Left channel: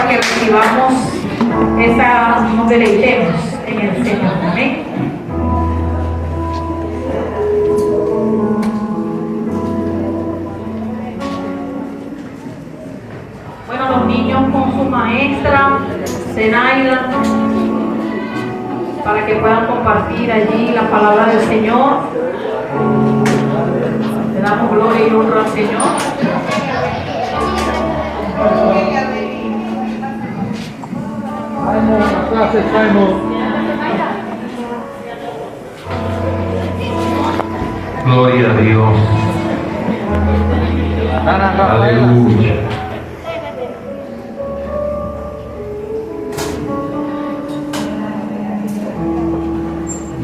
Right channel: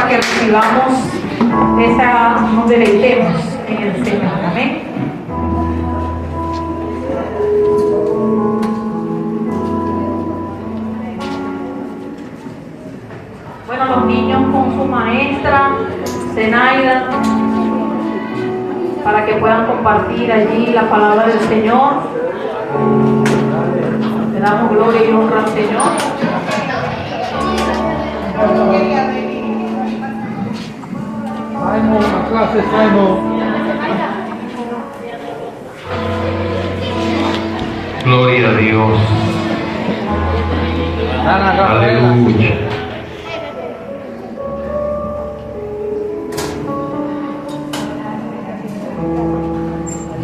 para que recibamos nos deleitemos en el Señor. Amén. Bueno, los niños con su maestra, Zenaida, para que puedan compartir allí la palabra del Señor. Le damos gloria y honra al Señor. Gloria a Dios. Aleluya.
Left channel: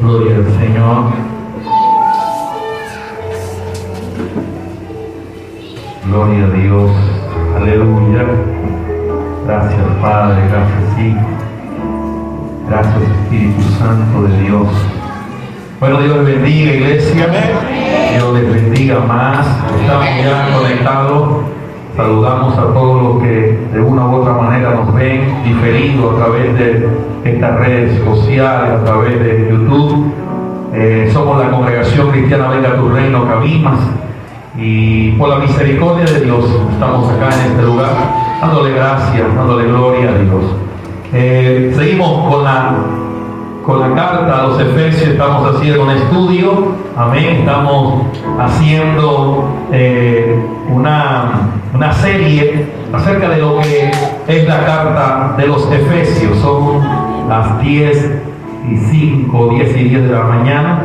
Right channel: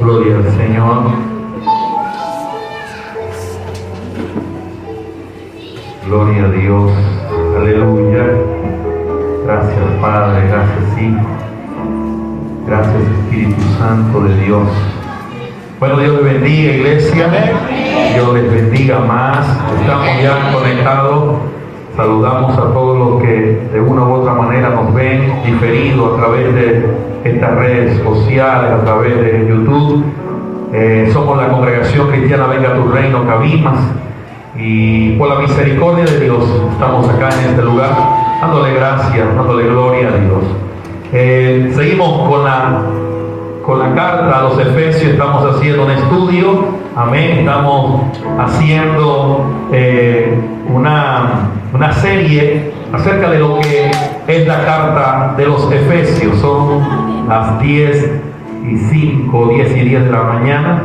Gloria al Señor. Gloria a Dios. Aleluya. Gracias Padre, gracias Hijo. Gracias Espíritu Santo de Dios. Bueno, Dios les bendiga, iglesia. Dios les bendiga más. Estamos ya conectados. Saludamos a todos los que de una u otra manera nos ven diferido a través de estas redes sociales, a través de YouTube. Somos la Congregación Cristiana Venga Tu Reino Cabimas, y por la misericordia de Dios estamos acá en este lugar dándole gracias, dándole gloria a Dios. Seguimos con la carta a los Efesios. Estamos haciendo un estudio, amén. Estamos haciendo una serie acerca de lo que es la carta de los Efesios. Son las 10:05, 10:10 de la mañana.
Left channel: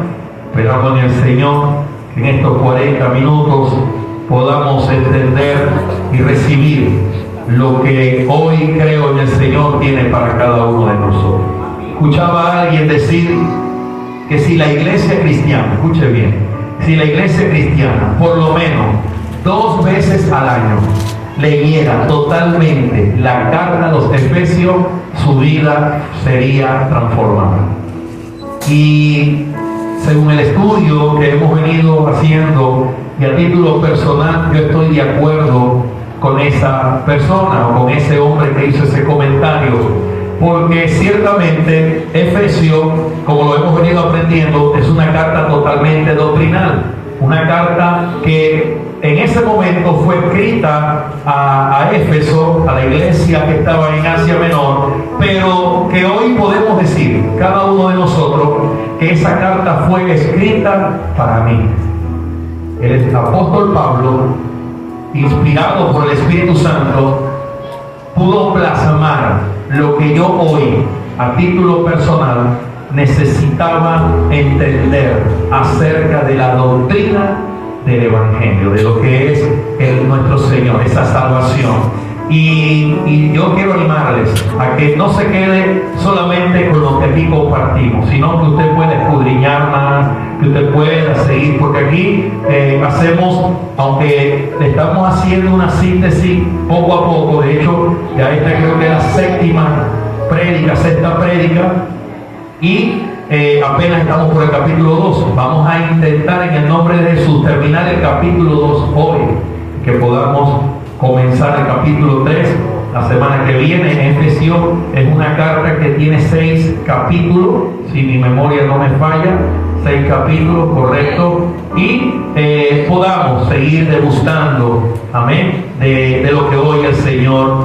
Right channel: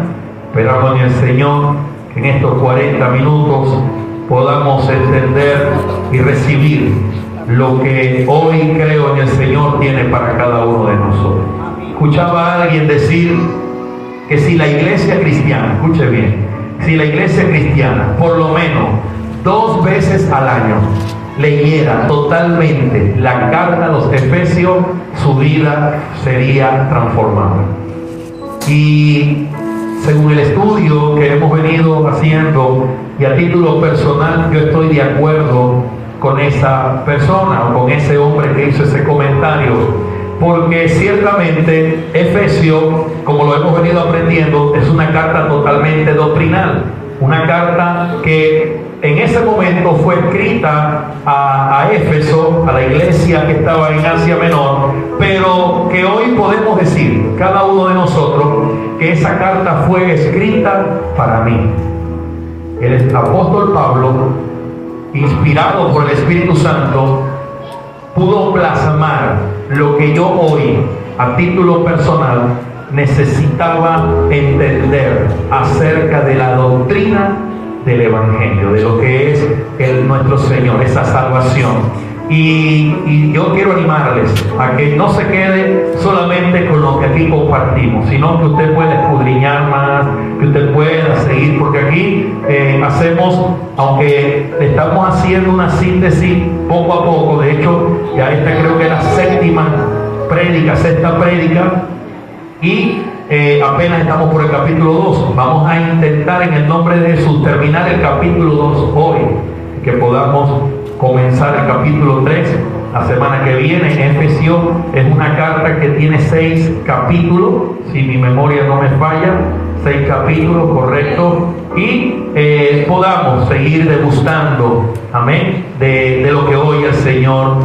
Esperamos en el Señor que en estos 40 minutos podamos entender y recibir lo que hoy creo en el Señor tiene para cada uno de nosotros. Escuchaba a alguien decir que si la iglesia cristiana, escuche bien, si la iglesia cristiana por lo menos 2 veces al año leyera totalmente la carta a los Efesios, su vida sería transformada. Y según el estudio que hemos venido haciendo, y a título personal, yo estoy de acuerdo con esa persona o con ese hombre que hizo ese comentario, porque ciertamente Efesios, como lo hemos venido aprendiendo, es una carta totalmente doctrinal, una carta que en ese momento fue escrita a Éfeso, a la iglesia que estaba en Asia Menor, pero que hoy podemos decir, cada uno de nosotros, que esa carta fue escrita para mí. El apóstol Pablo, inspirado por el Espíritu Santo, pudo plasmar lo que yo hoy, a título personal, necesitaba entender acerca de la doctrina del Evangelio, de lo que es nuestro Señor, esa salvación. Y yo quiero animarles a que no se quede solamente con lo que aquí compartimos, sino que usted pueda escudriñar más, que usted pueda seguir, porque aquí hacemos, aunque estamos haciendo una síntesis poco a poco, de hecho, ya esta creo que es la sexta prédica, y apenas estamos por el capítulo 2. Vamos a intentar en el nombre de Jesús terminar el capítulo 2 hoy, que podamos comenzar el capítulo 3 la semana que viene. Efesios es una carta que tiene 6 capítulos, si mi memoria no me falla, 6 capítulos, correcto, y podamos seguir degustando, amén, de lo que hoy el Señor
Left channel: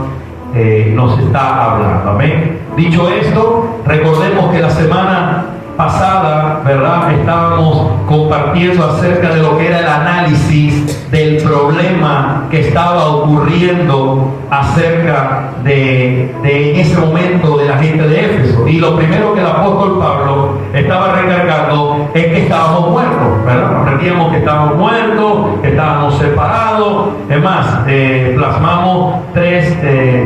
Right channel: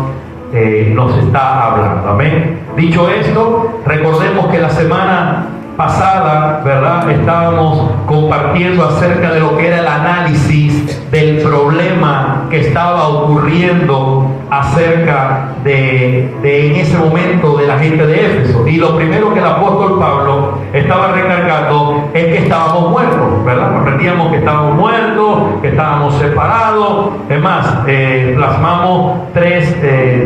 nos está hablando, amén. Dicho esto, recordemos que la semana pasada, ¿verdad?, estábamos compartiendo acerca de lo que era el análisis del problema que estaba ocurriendo acerca de en ese momento de la gente de Éfeso. Y lo primero que el apóstol Pablo estaba recargando es que estábamos muertos, ¿verdad? Aprendíamos que estábamos muertos, que estábamos separados. Es más, plasmamos 3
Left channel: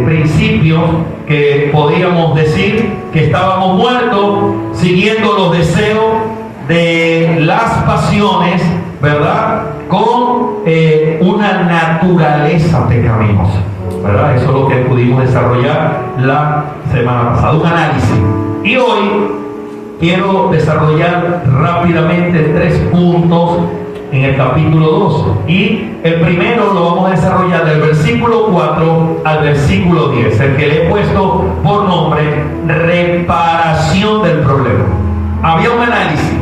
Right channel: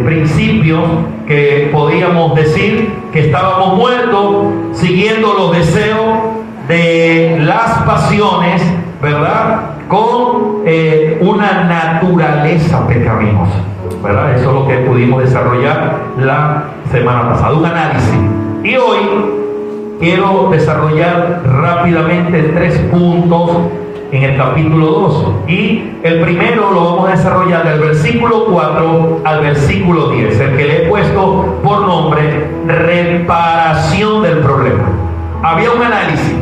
principios que podíamos decir: que estábamos muertos siguiendo los deseos de las pasiones, ¿verdad?, con una naturaleza pecaminosa, ¿verdad? Eso es lo que pudimos desarrollar la semana pasada, un análisis. Y hoy quiero desarrollar rápidamente 3 puntos en el capítulo 2. Y el primero lo vamos a desarrollar del versículo 4 al versículo 10, el que le he puesto por nombre reparación del problema. Había un análisis,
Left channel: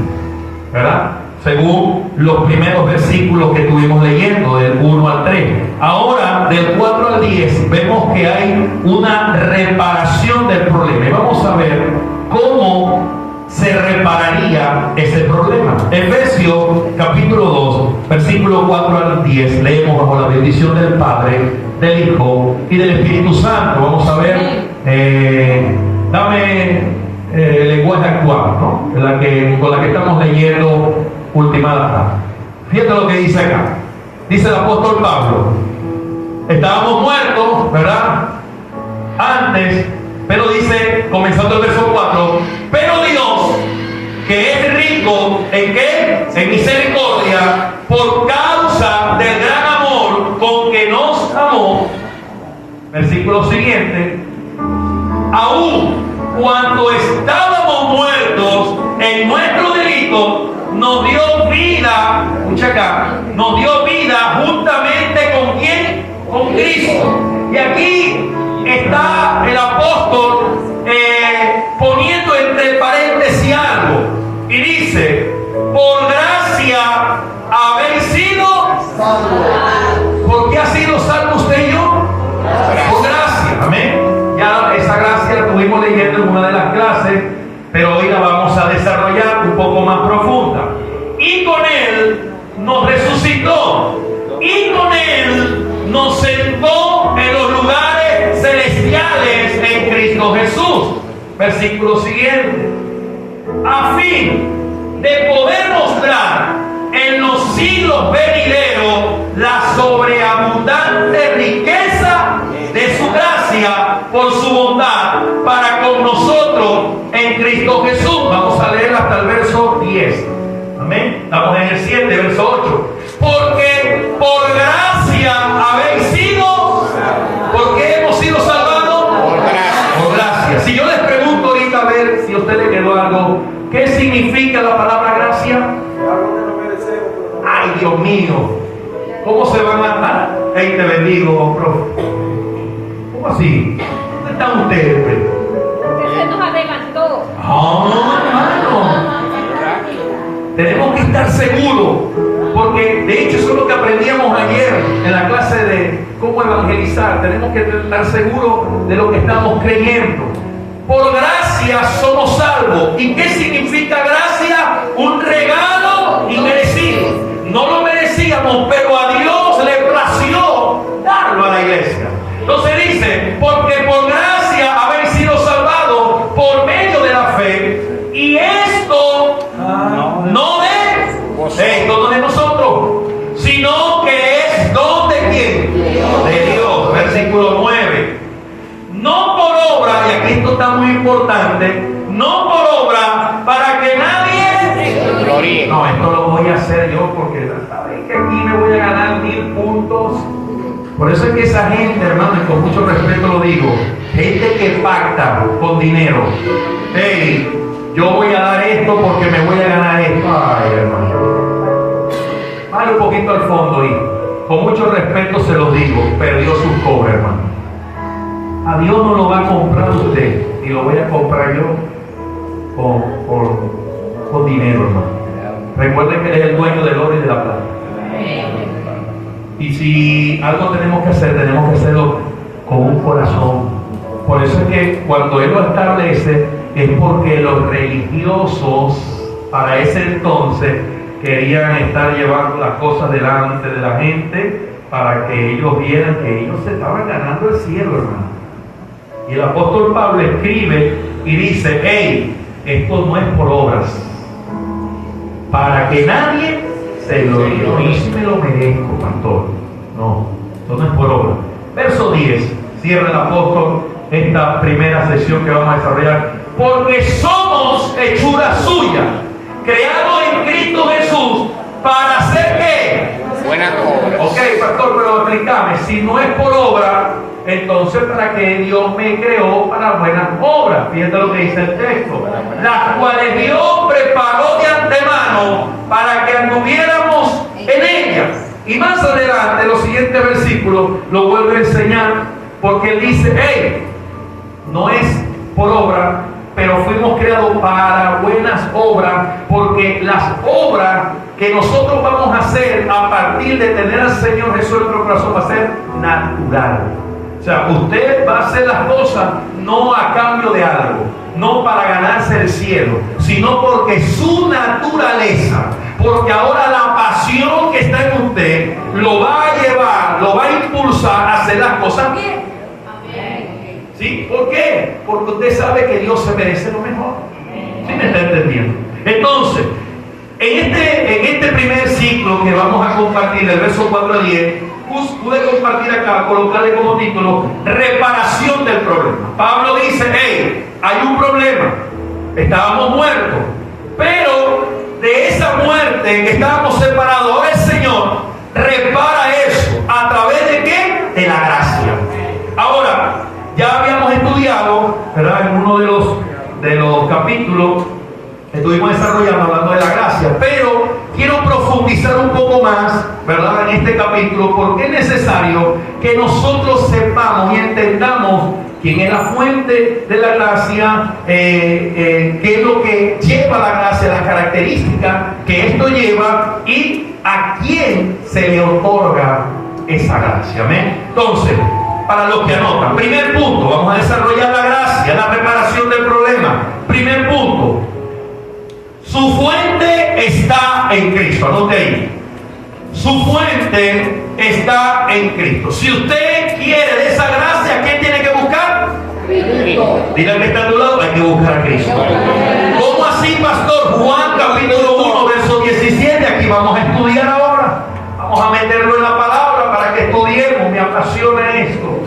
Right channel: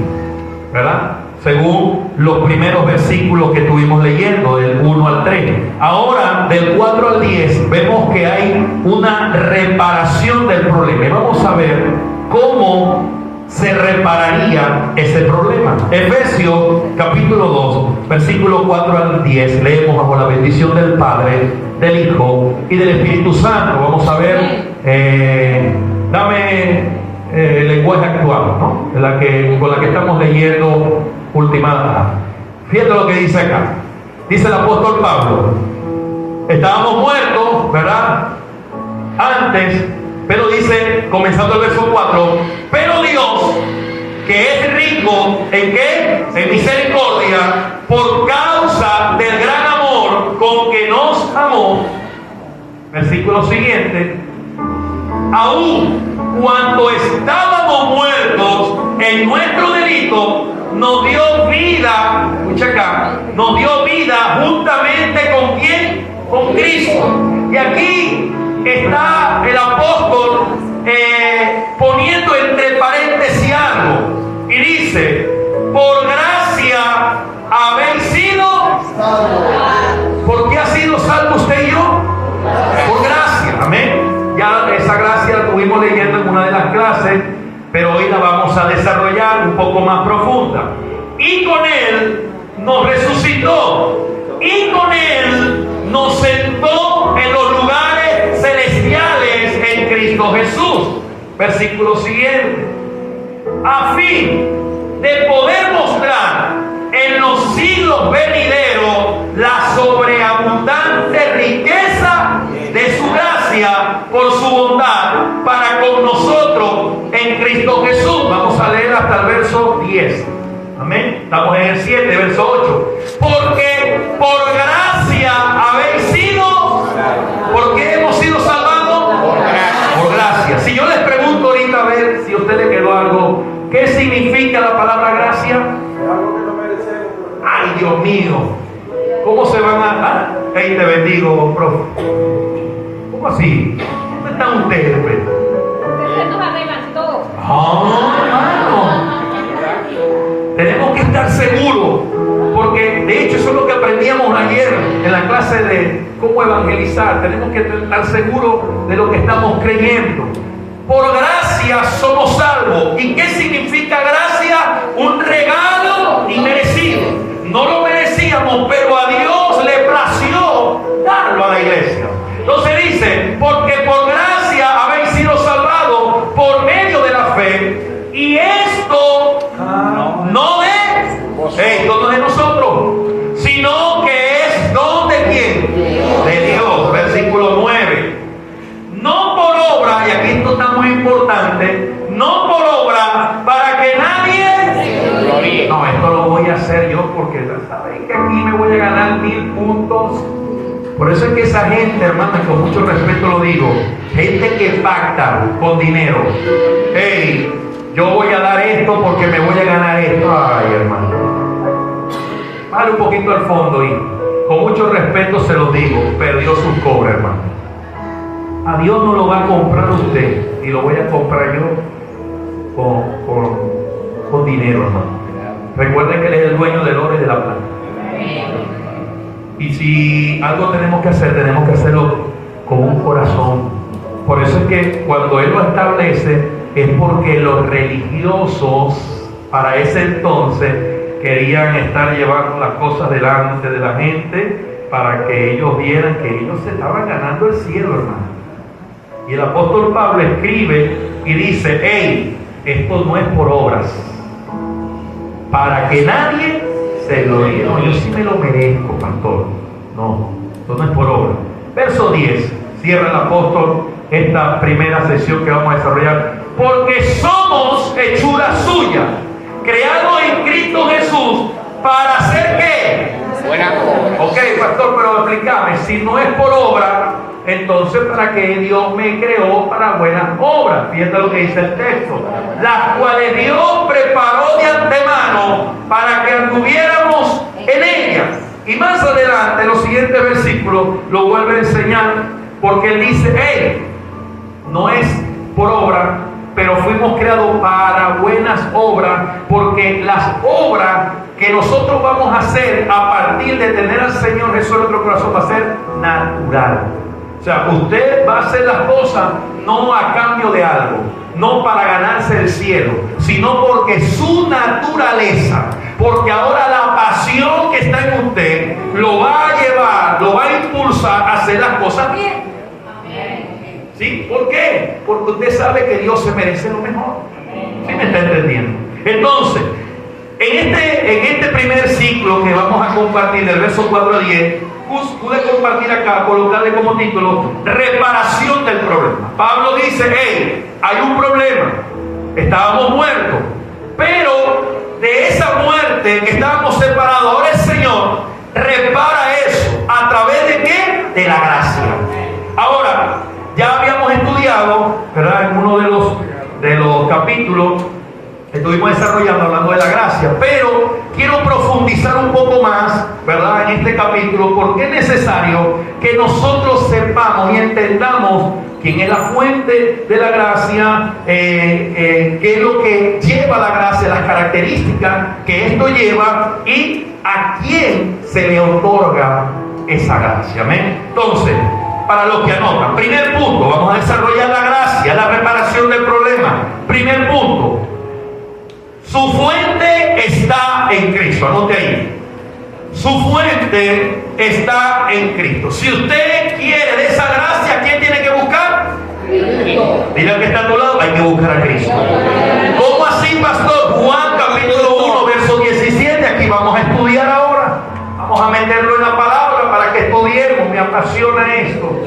¿verdad?, según los primeros versículos que estuvimos leyendo, del 1 al 3. Ahora, del 4 al 10, vemos que hay una reparación del problema. Y vamos a ver cómo se repararía ese problema. Efesios capítulo 2, versículo 4 al 10, leemos: bajo la bendición del Padre, del Hijo y del Espíritu Santo. Vamos a ver, dame el lenguaje actual, ¿no?, con la que estamos leyendo ultimada. Fíjate lo que dice acá. Dice el apóstol Pablo: estábamos muertos, ¿verdad?, antes, pero dice, comenzando el verso 4, pero Dios, que es rico ¿en qué? En misericordia, por causa del gran amor con que nos amó. Versículo siguiente: aún cuando estábamos muertos en nuestro delito, nos dio vida, escucha acá, nos dio vida juntamente con ¿quién? Con Cristo. Y aquí está el apóstol poniendo entre paréntesis algo, y dice: por gracia habéis sido salvos. ¿Por qué ha sido salvo usted y yo? Por gracia, amén. Ya esa gracia la estuvimos leyendo en una de las clases, pero hoy la vamos a desarrollar un poco más profunda. Y con Él nos resucitó, y con Él nos sentó en los lugares celestiales en Cristo Jesús. Versículo siguiente: a fin de poder mostrar en los siglos venideros la sobreabundante riqueza de su gracia por su bondad para con nosotros en Cristo Jesús. Vamos a leer hasta el verso 10. Amén. Estamos en el 7, verso 8. Porque por gracia habéis sido. ¿Por qué hemos sido salvados? Por gracia. Por gracia. Si yo les pregunto ahorita, a ver si a usted le quedó algo, ¿qué significa la palabra gracia? Ay, Dios mío, ¿cómo se van a dar? Ahí te bendigo, profe. ¿Cómo así? ¿Dónde están ustedes? Porque se nos adelantó. Tenemos que estar seguros, porque de hecho eso es lo que aprendíamos ayer en la clase de cómo evangelizar. Tenemos que estar seguros de lo que estamos creyendo. Por gracia somos salvos. ¿Y qué significa gracia? Un regalo inmerecido. No lo merecíamos, pero a Dios le plació darlo a la iglesia. Entonces dice: porque por gracia habéis sido salvados por medio de la fe, y esto no de nosotros, sino que es don de quién? De Dios. Versículo 9: no por obra, y aquí esto está muy importante, no por obra para que nadie gloríe. No, esto lo voy a hacer yo porque saben que aquí me voy a ganar 1000 puntos. Por eso es que esa gente, hermano, y con mucho respeto lo digo, gente que pacta con dinero. Hey, yo voy a dar esto porque me voy a ganar esto. Ay, hermano, vale un poquito al fondo, y con mucho respeto se lo digo, perdió su cobre, hermano. A Dios no lo va a comprar usted, y lo voy a comprar yo con dinero, hermano. Recuerden que Él es el dueño del oro y de la plata. Y si algo tenemos que hacer, tenemos que hacerlo con un corazón. Por eso es que cuando Él lo establece, es porque los religiosos para ese entonces querían estar llevando las cosas delante de la gente para que ellos vieran que ellos se estaban ganando el cielo, hermano. Y el apóstol Pablo escribe y dice: hey, esto no es por obras, para que nadie se gloríe. No, yo sí me lo merezco, pastor. No, esto no es por obra. Verso 10, cierra el apóstol esta primera sesión que vamos a desarrollar. Porque somos hechura suya, creados en Cristo Jesús, para hacer ¿qué? Buena obra. Ok, pastor, pero explícame, si no es por obra, entonces ¿para qué Dios me creó para buenas obras? Fíjate lo que dice el texto: las cuales Dios preparó de antemano para que anduviéramos en ella. Y más adelante, los siguientes versículos lo vuelve a enseñar, porque él dice: hey, no es por obra, pero fuimos creados para buenas obras, porque las obras que nosotros vamos a hacer a partir de tener al Señor Jesús en nuestro corazón va a ser natural. O sea, usted va a hacer las cosas no a cambio de algo, no para ganarse el cielo, sino porque su naturaleza, porque ahora la pasión que está en usted lo va a llevar, lo va a impulsar a hacer las cosas bien. ¿Sí? ¿Por qué? Porque usted sabe que Dios se merece lo mejor. ¿Sí me está entendiendo? Entonces, en este primer ciclo que vamos a compartir, del verso 4 a 10, pude compartir acá, colocarle como título: reparación del problema. Pablo dice: hey, hay un problema, estábamos muertos, pero de esa muerte que estábamos separados, ahora el Señor repara eso. ¿A través de qué? De la gracia. Ahora, ya habíamos estudiado, ¿verdad?, en uno de los capítulos estuvimos desarrollando, hablando de la gracia, pero quiero profundizar un poco más, ¿verdad?, en este capítulo, porque es necesario que nosotros sepamos y entendamos quién es la fuente de la gracia, qué es lo que lleva la gracia, las características que esto lleva y a quién se le otorga esa gracia. ¿Amén? Entonces, para los que anotan, primer punto, vamos a desarrollar la gracia, la reparación del problema. Primer punto: su fuente está en Cristo. Anote ahí. Su fuente está en Cristo. Si usted quiere de esa gracia, ¿quién tiene que buscar? Cristo. Diga que está a tu lado: hay que buscar a Cristo. ¿Cómo así, pastor? Juan capítulo 1, verso 17. Aquí vamos a estudiar ahora. Vamos a meterlo en la palabra para que estudiemos. Me apasiona esto.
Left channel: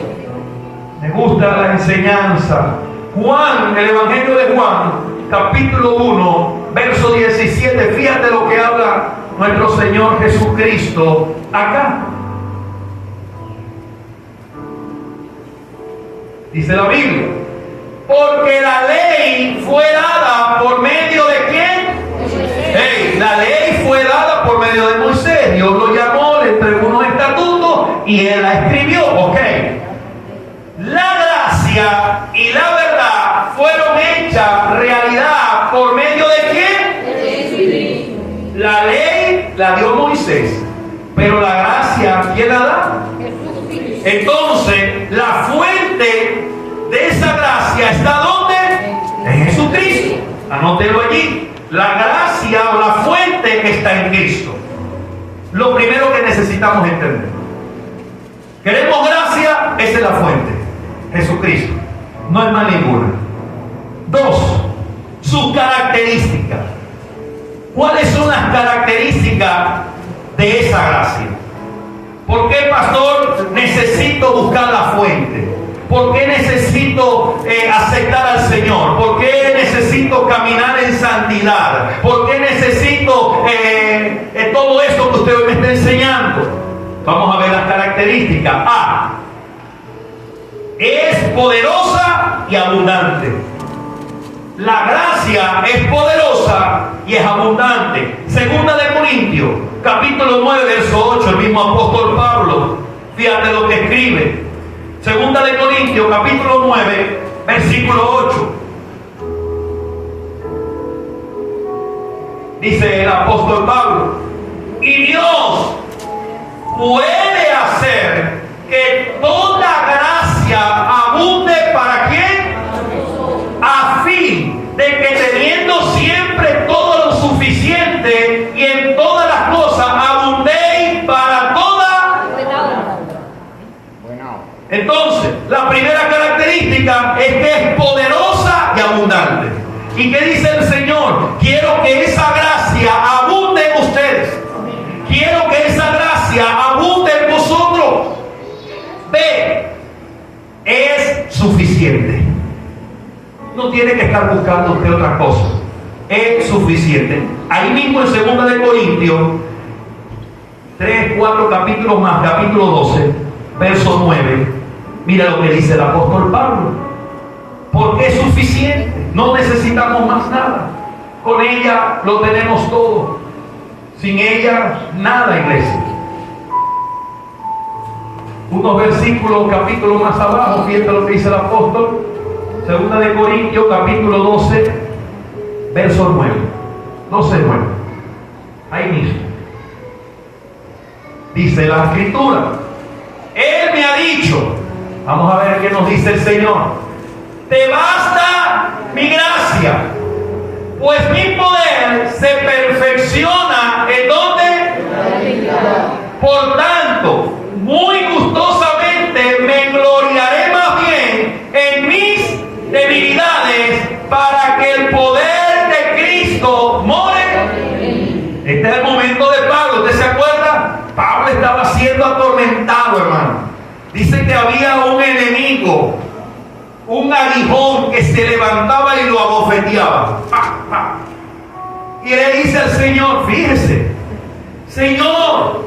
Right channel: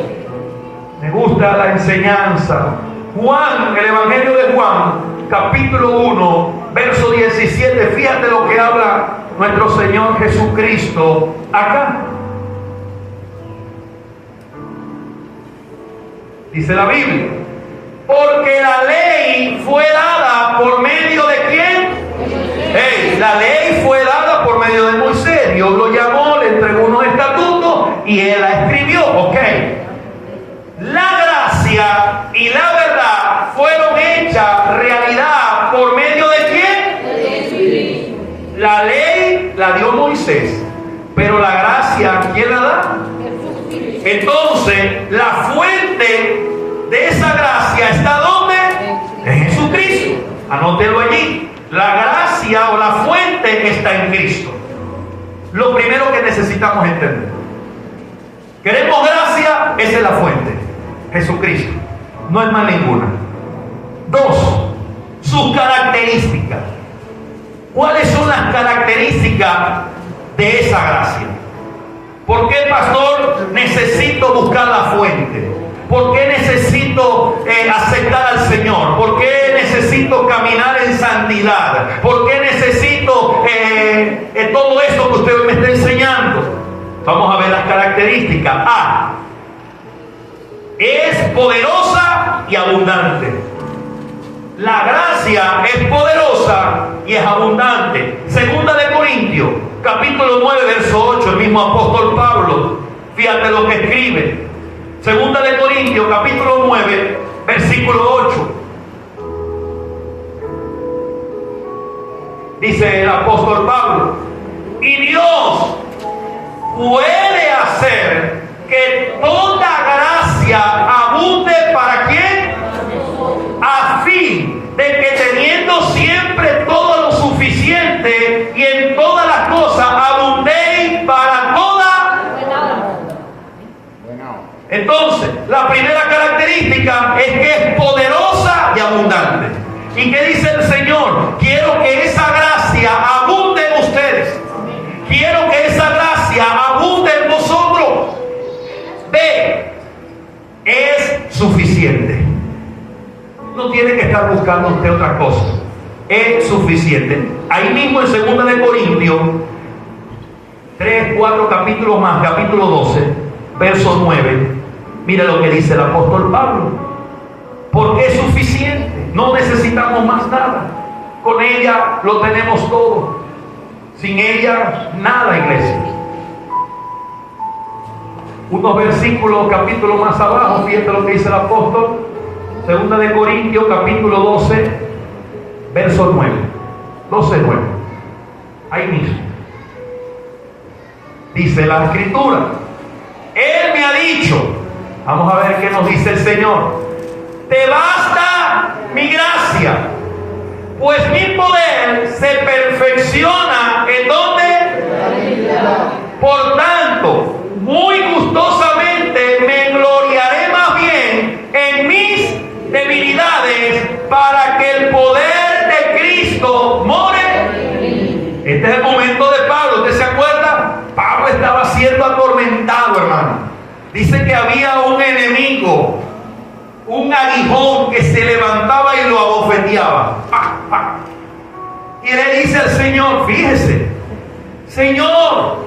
Me gusta la enseñanza. Juan, el Evangelio de Juan, capítulo 1, verso 17. Fíjate lo que habla nuestro Señor Jesucristo acá. Dice la Biblia: porque la ley fue dada por medio de ¿quién? Hey, la ley fue dada por medio de Moisés. Dios lo llamó, le entregó unos estatutos y él la escribió. Ok. La gracia y la verdad fueron hechas realidad por medio de quién? La ley la dio Moisés, pero la gracia, ¿quién la da? Entonces, la fuente de esa gracia está ¿dónde? En Jesucristo. Anótelo allí. La gracia o la fuente está en Cristo. Lo primero que necesitamos entender: queremos gracia, esa es la fuente, Jesucristo, no es más ninguna. Dos, sus características. ¿Cuáles son las características de esa gracia? ¿Por qué, pastor, necesito buscar la fuente? ¿Por qué necesito aceptar al Señor? ¿Por qué necesito caminar en santidad? ¿Por qué necesito todo esto que usted me está enseñando? Vamos a ver las características. A, es poderosa y abundante. La gracia es poderosa y es abundante. Segunda de Corintios, capítulo 9, verso 8, el mismo apóstol Pablo, fíjate lo que escribe. Segunda de Corintios, capítulo 9, versículo 8. Dice el apóstol Pablo: y Dios puede hacer que toda gracia abunde ¿para quién? A fin de que teniendo siempre todo lo suficiente y en todas las cosas abundéis para toda. Entonces, la primera característica es que es poderosa y abundante. ¿Y qué dice el Señor? Quiero que esa gracia abunde en ustedes. Quiero que esa gracia abunde en vosotros. B, es suficiente. No tiene que estar buscando usted otra cosa. Es suficiente. Ahí mismo en 2 de Corintios 3, 4 capítulos más, capítulo 12, verso 9. Mira lo que dice el apóstol Pablo: porque es suficiente, no necesitamos más nada, con ella lo tenemos todo. Sin ella, nada, iglesia. Unos versículos, capítulos más abajo, fíjate lo que dice el apóstol. 2 de Corintios, capítulo 12, verso 9. 12:9. Ahí mismo. Dice la Escritura. Él me ha dicho, vamos a ver qué nos dice el Señor. Te basta mi gracia, pues mi poder se perfecciona ¿en dónde? Por tanto, muy gustosamente me gloriaré más bien en mis debilidades para que el poder de Cristo more. Este es el momento de Pablo. ¿Usted se acuerda? Pablo estaba siendo atormentado, hermano. Dice que había un enemigo, un aguijón que se levantaba y lo abofeteaba. ¡Pah, pah! Y le dice al Señor, fíjese, Señor,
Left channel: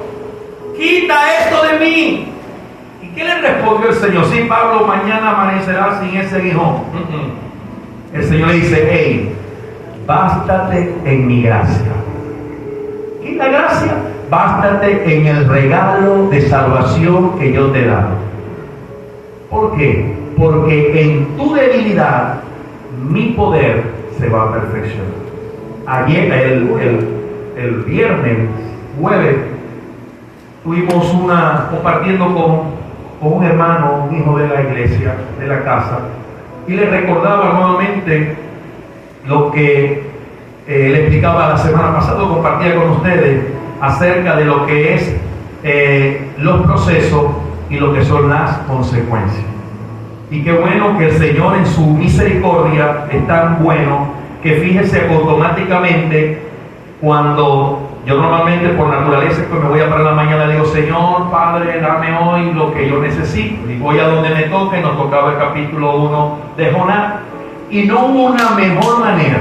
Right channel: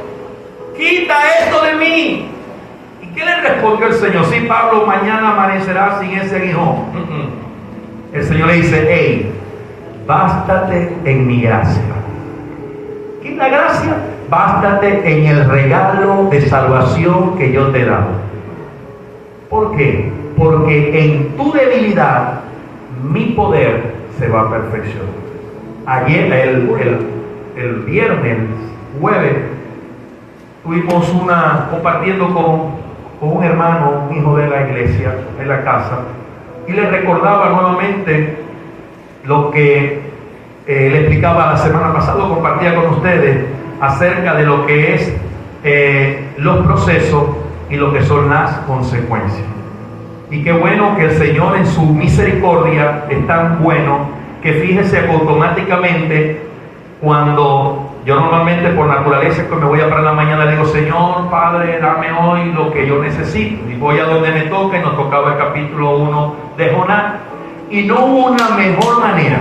quita esto de mí. ¿Y qué le respondió el Señor? Sí, Pablo, mañana amanecerá sin ese aguijón. El Señor le dice, hey, bástate en mi gracia. ¿Qué es la gracia? Bástate en el regalo de salvación que yo te he dado. ¿Por qué? Porque en tu debilidad mi poder se va a perfeccionar. Ayer, el viernes, jueves, estuvimos compartiendo con un hermano, un hijo de la iglesia, de la casa, y le recordaba nuevamente lo que le explicaba la semana pasada, compartía con ustedes acerca de lo que es los procesos y lo que son las consecuencias. Y qué bueno que el Señor en su misericordia es tan bueno que fíjese automáticamente cuando yo normalmente por naturaleza que me voy a parar la mañana digo, Señor, Padre, dame hoy lo que yo necesito. Y voy a donde me toque, nos tocaba el capítulo 1 de Jonás. Y no hubo una mejor manera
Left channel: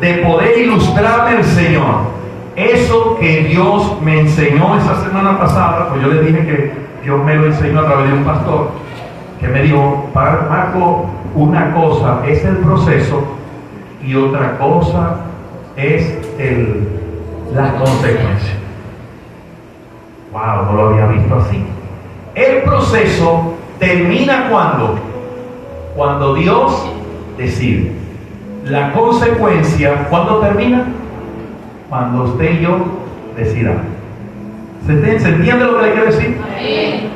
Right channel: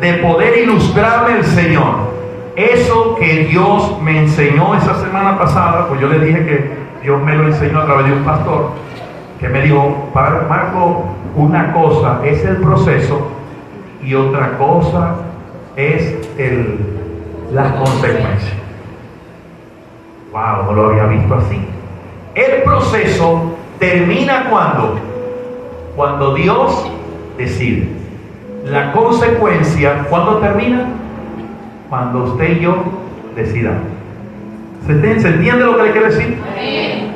de poder ilustrarme el Señor. Eso que Dios me enseñó esa semana pasada, pues yo le dije que Dios me lo enseñó a través de un pastor, que me dijo, Marco, una cosa es el proceso y otra cosa es las consecuencias. Wow, no lo había visto así. El proceso termina cuando Dios decide. La consecuencia, ¿cuándo termina? Cuando usted y yo decidamos. ¿Se entiende lo que le quiero decir? Sí.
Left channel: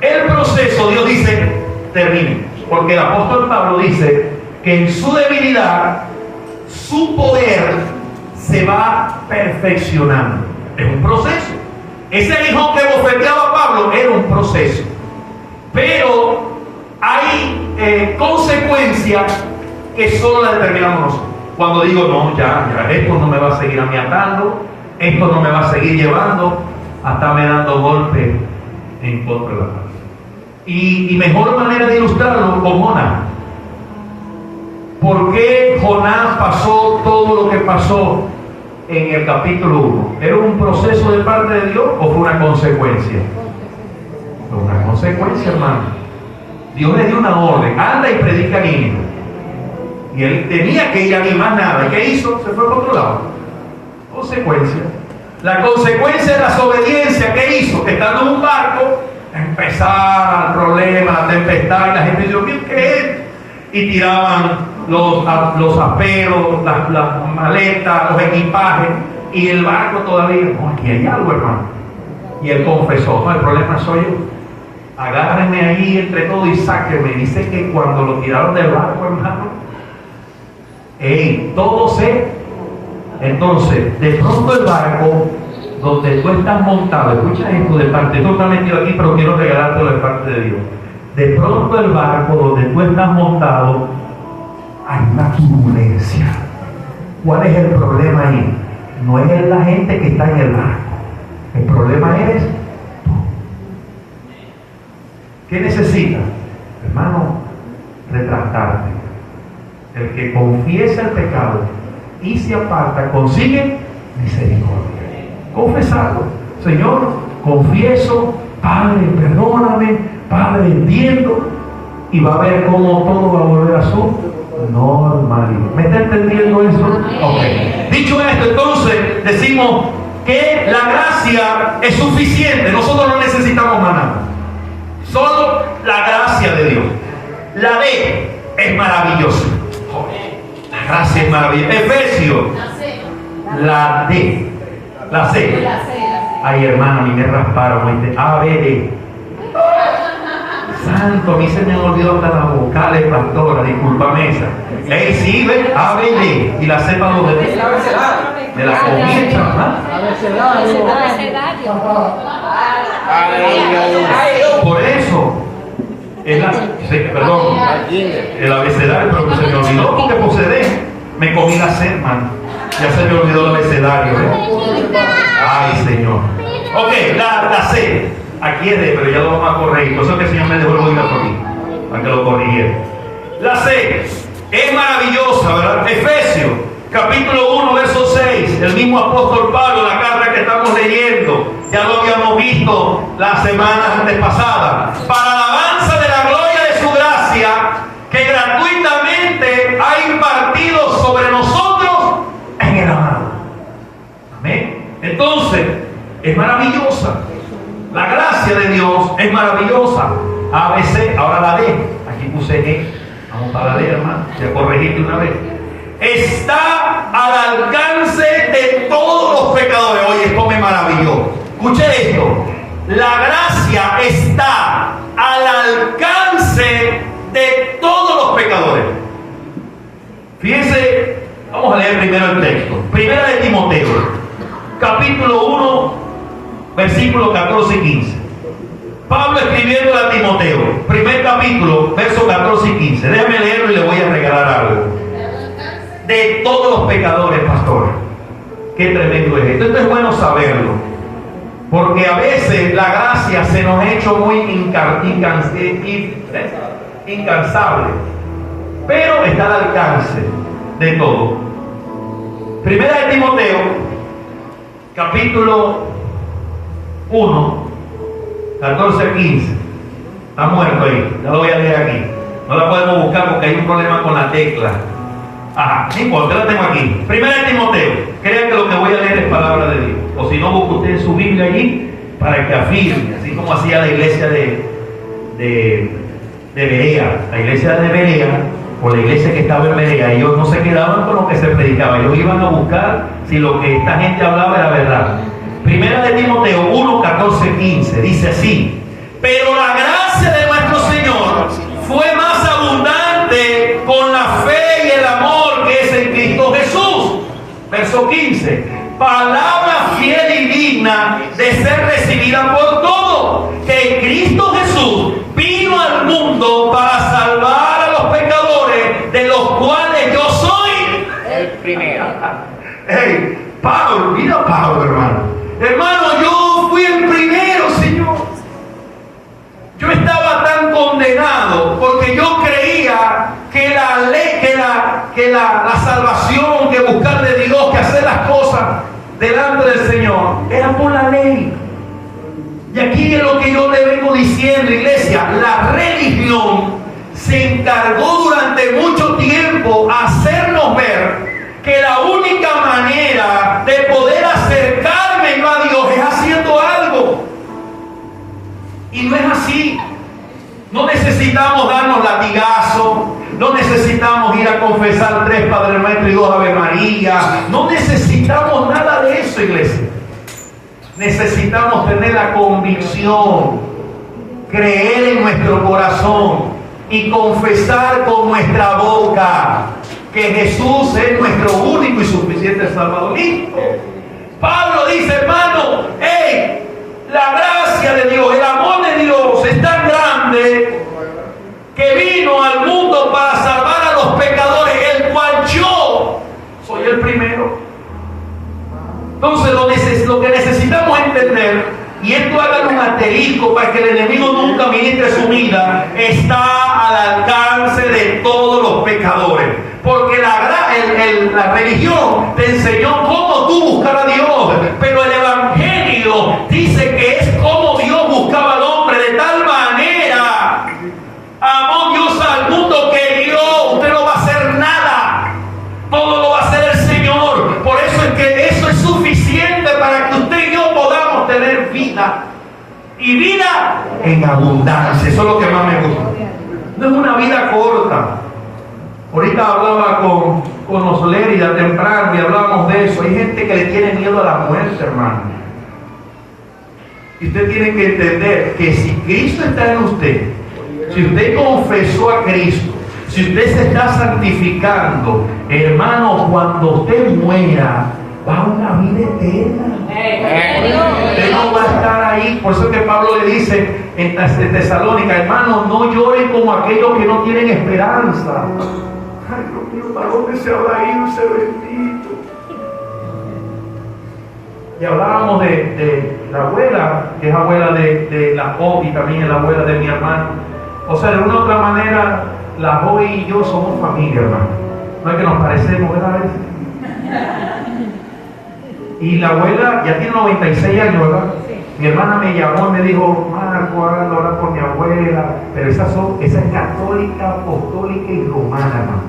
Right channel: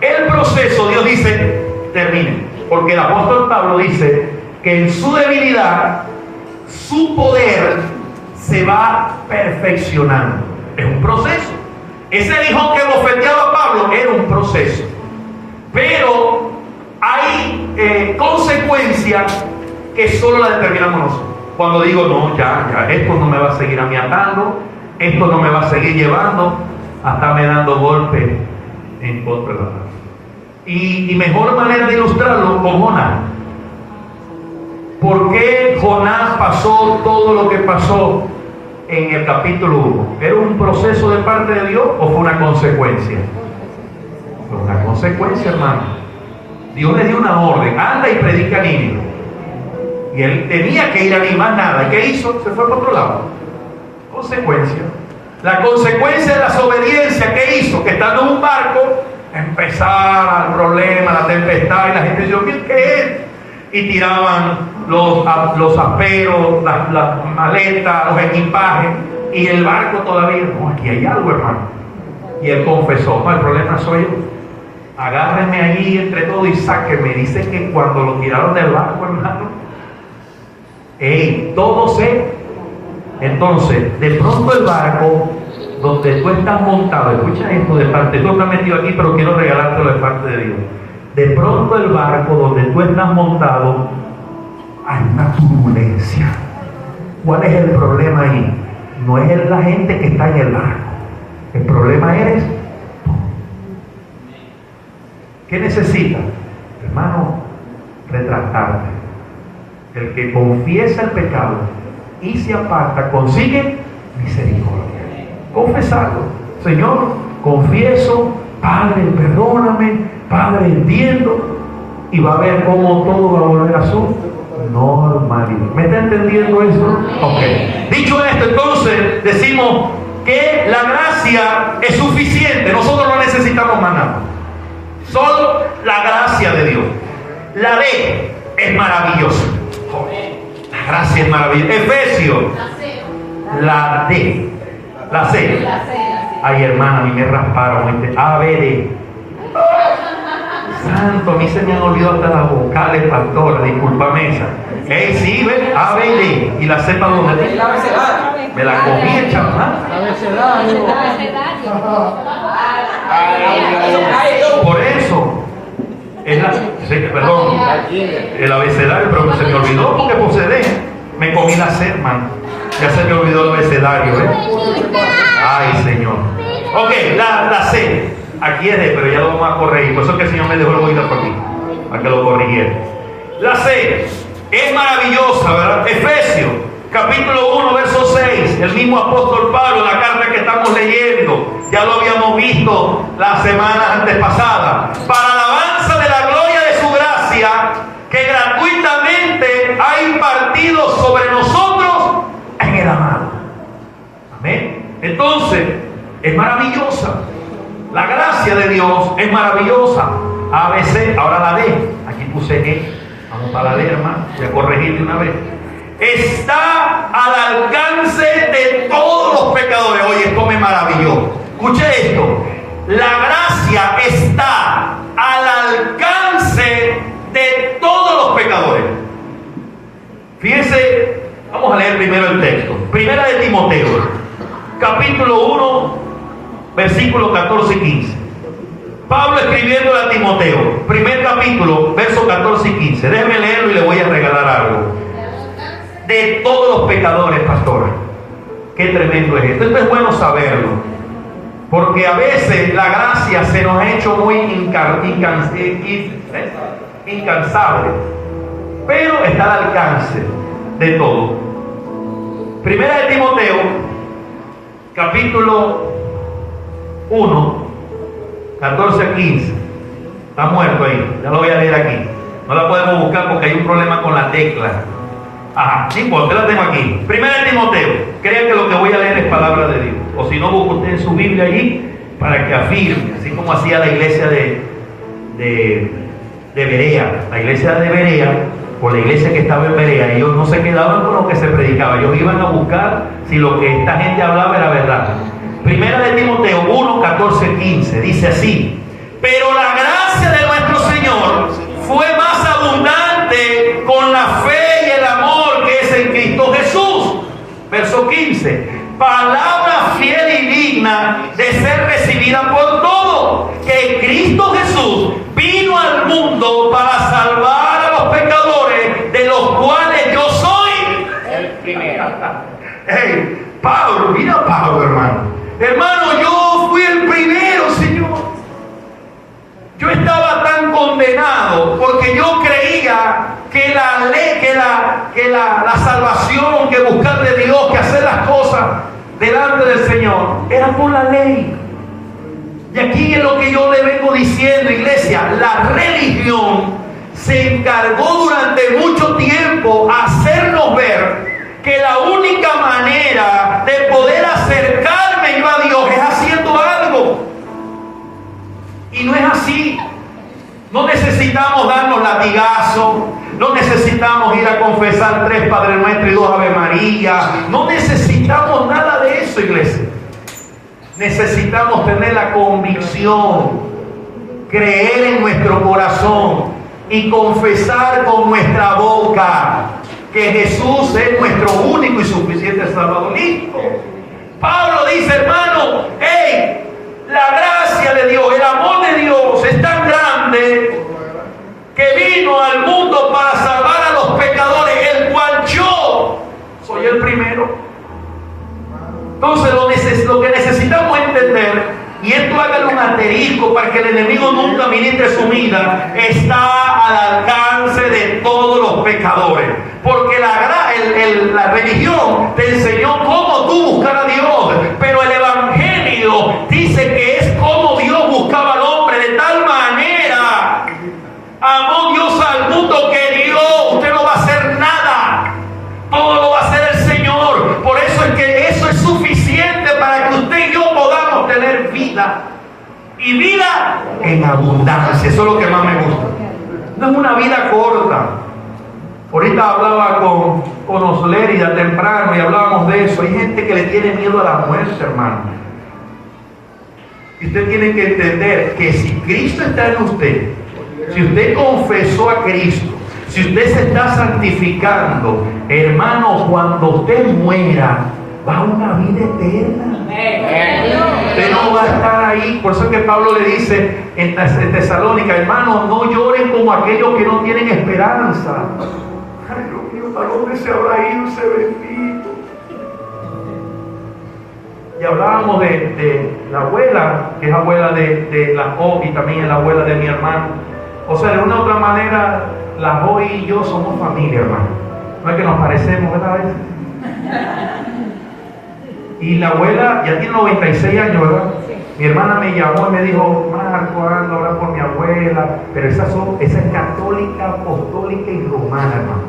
El proceso, Dios dice, termina. Porque el apóstol Pablo dice que en su debilidad, su poder se va perfeccionando. Es un proceso. Ese hijo que bofeteaba a Pablo era un proceso. Pero hay consecuencias que solo la determinamos nosotros. Cuando digo, no, ya, esto no me va a seguir a mí atando, esto no me va a seguir llevando a estarme dando golpes en contra de la paz. Y mejor manera de ilustrarlo con Jonás. ¿Por qué Jonás pasó todo lo que pasó en el capítulo 1? ¿Era un proceso de parte de Dios o fue una consecuencia? Fue una consecuencia, hermano. Dios le dio una orden, anda y predica a Nínive. Y él tenía que ir a más nada. ¿Qué hizo? Se fue por otro lado. Consecuencia. La consecuencia de la desobediencia, ¿qué hizo? Que estando en un barco, empezaba el problema, la tempestad, y la gente dijo, ¿qué es? Y tiraban los aperos, las maletas, los equipajes, y el barco todavía, no, aquí hay algo, hermano. Y él confesó, no, el problema soy yo. Agárrenme ahí entre todos y sáquenme. Dice que cuando lo tiraron del barco, hermano, todo se. Entonces, de pronto el barco donde tú estás montado, escucha esto de parte, tú estás metido aquí, pero quiero regalártelo de parte de Dios. De pronto el barco donde tú estás montado, hay una turbulencia. ¿Cuál es el problema ahí? No es la gente que está en el barco. El problema es tú. ¿Qué necesitas? Hermano, retractarte. El que confiesa el pecado y se aparta, consigue misericordia. Confesarlo. Señor, confieso, Padre, perdóname, Padre, entiendo, y va a ver cómo todo va a volver a su normalidad. ¿Me está entendiendo eso? Ok. Dicho esto, entonces decimos, ¿qué que la gracia es suficiente. Nosotros no necesitamos más nada. Solo la gracia de Dios. La D es maravillosa. La gracia es maravillosa. Efesios. La D. La C. Ay, hermana, ni me rasparon. A, B, D. Santo, a mí se me han olvidado de las vocales, pastora, discúlpame esa. Ey, sí, ve, A, B, D. Y la Z, ¿dónde? De la comida, ¿verdad? Por eso, perdón, el abecedario, pero se me olvidó porque posee. Me comí la C, hermano. Ya se me olvidó el abecedario, Ay, Señor. Ok, la C. Aquí es D, pero ya lo vamos a corregir. Por eso que el Señor me dejó el oído por aquí, para que lo corrigiera. La C es maravillosa, ¿verdad? Efesios, capítulo 1, verso 6. El mismo apóstol Pablo, la carta que estamos leyendo, ya lo habíamos visto la semana antepasada. Para alabanza de la gloria de su gracia, que gratuitamente ha impartido sobre nosotros en el amado. Amén. Entonces, es maravillosa. La gracia de Dios es maravillosa. A, B, C, ahora la D. Aquí puse E. Vamos para la D, hermano. Ya corregí una vez. Está al alcance de todos los pecadores. Oye, esto me maravilló. Escuche esto. La gracia está al alcance de todos los pecadores. Fíjense, vamos a leer primero el texto. Primera de Timoteo, capítulo 1, versículos 14 y 15. Pablo escribiendo a Timoteo, primer capítulo, versos 14 y 15. Déjeme leerlo y le voy a regalar algo. De todos los pecadores, pastor. Qué tremendo es esto. Esto es bueno saberlo. Porque a veces la gracia se nos ha hecho muy incansable. Pero está al alcance de todo. Primera de Timoteo, capítulo 1, 14 a 15. Está muerto ahí. Ya lo voy a leer aquí. No la podemos buscar porque hay un problema con la tecla. Ajá, no importa, la tengo aquí. Primera de Timoteo. Crean que lo que voy a leer es palabra de Dios. O si no, busque usted su Biblia allí para que afirme, así como hacía la iglesia de Berea. La iglesia de Berea, o la iglesia que estaba en Berea, ellos no se quedaban con lo que se predicaba. Ellos iban a buscar si lo que esta gente hablaba era verdad. Primera de Timoteo 1, 14, 15. Dice así: pero la gracia de nuestro Señor fue más abundante con la fe y el amor que es en Cristo Jesús. Verso 15. Palabra fiel y digna de ser recibida por todos, que Cristo Jesús vino al mundo para salvar a los pecadores, de los cuales yo soy el primero. Hey, Pablo, mira Pablo, hermano. Hermano, yo fui el primero, Señor. Yo estaba tan condenado porque yo creía que la ley, que la salvación, que buscar de Dios, que hacer las cosas delante del Señor era por la ley. Y aquí es lo que yo le vengo diciendo, iglesia. La religión se encargó durante mucho tiempo a hacernos ver que la única manera de poder acercarme a Dios es haciendo algo. Y no es así. No necesitamos darnos latigazos, no necesitamos ir a confesar 3 Padre Nuestro y 2 Ave María. No necesitamos nada de eso, iglesia. Necesitamos tener la convicción, creer en nuestro corazón y confesar con nuestra boca que Jesús es nuestro único y suficiente Salvador. ¿Listo? Pablo dice, hermano, hey, la gracia de Dios, el amor de Dios es tan grande que vino al mundo para salvar a los pecadores, el cual yo soy el primero. Entonces lo que necesitamos entender, y esto háganlo un asterisco para que el enemigo nunca ministre su vida, está al alcance de todos los pecadores. Porque la religión te enseñó cómo tú buscar a Dios, pero el Evangelio dice que es como Dios buscaba al hombre. De tal manera amó Dios al mundo que Dios, usted no va a hacer nada, todo lo va a hacer el Señor. Por eso es que eso es suficiente para que usted en abundancia. Eso es lo que más me gusta. No es una vida corta. Ahorita hablaba con Oslerida temprano y hablábamos de eso. Hay gente que le tiene miedo a la muerte, hermano. Y usted tiene que entender que si Cristo está en usted, si usted confesó a Cristo, si usted se está santificando, hermano, cuando usted muera, va a una vida eterna. Usted no va a estar ahí. Por eso es que Pablo le dice en Tesalónica, hermanos, no lloren como aquellos que no tienen esperanza. Ay, Dios mío, ¿para dónde se habrá ido ese bendito? Y hablábamos de la abuela, que es abuela de la Jo, y también es la abuela de mi hermano. O sea, de una u otra manera, la Jo y yo somos familia, hermano. No es que nos parecemos, ¿verdad? Y la abuela ya tiene 96 años, ¿verdad? Mi hermana me llamó y me dijo, Marco, ando a hablar con mi abuela, pero esa es católica, apostólica y romana, hermano.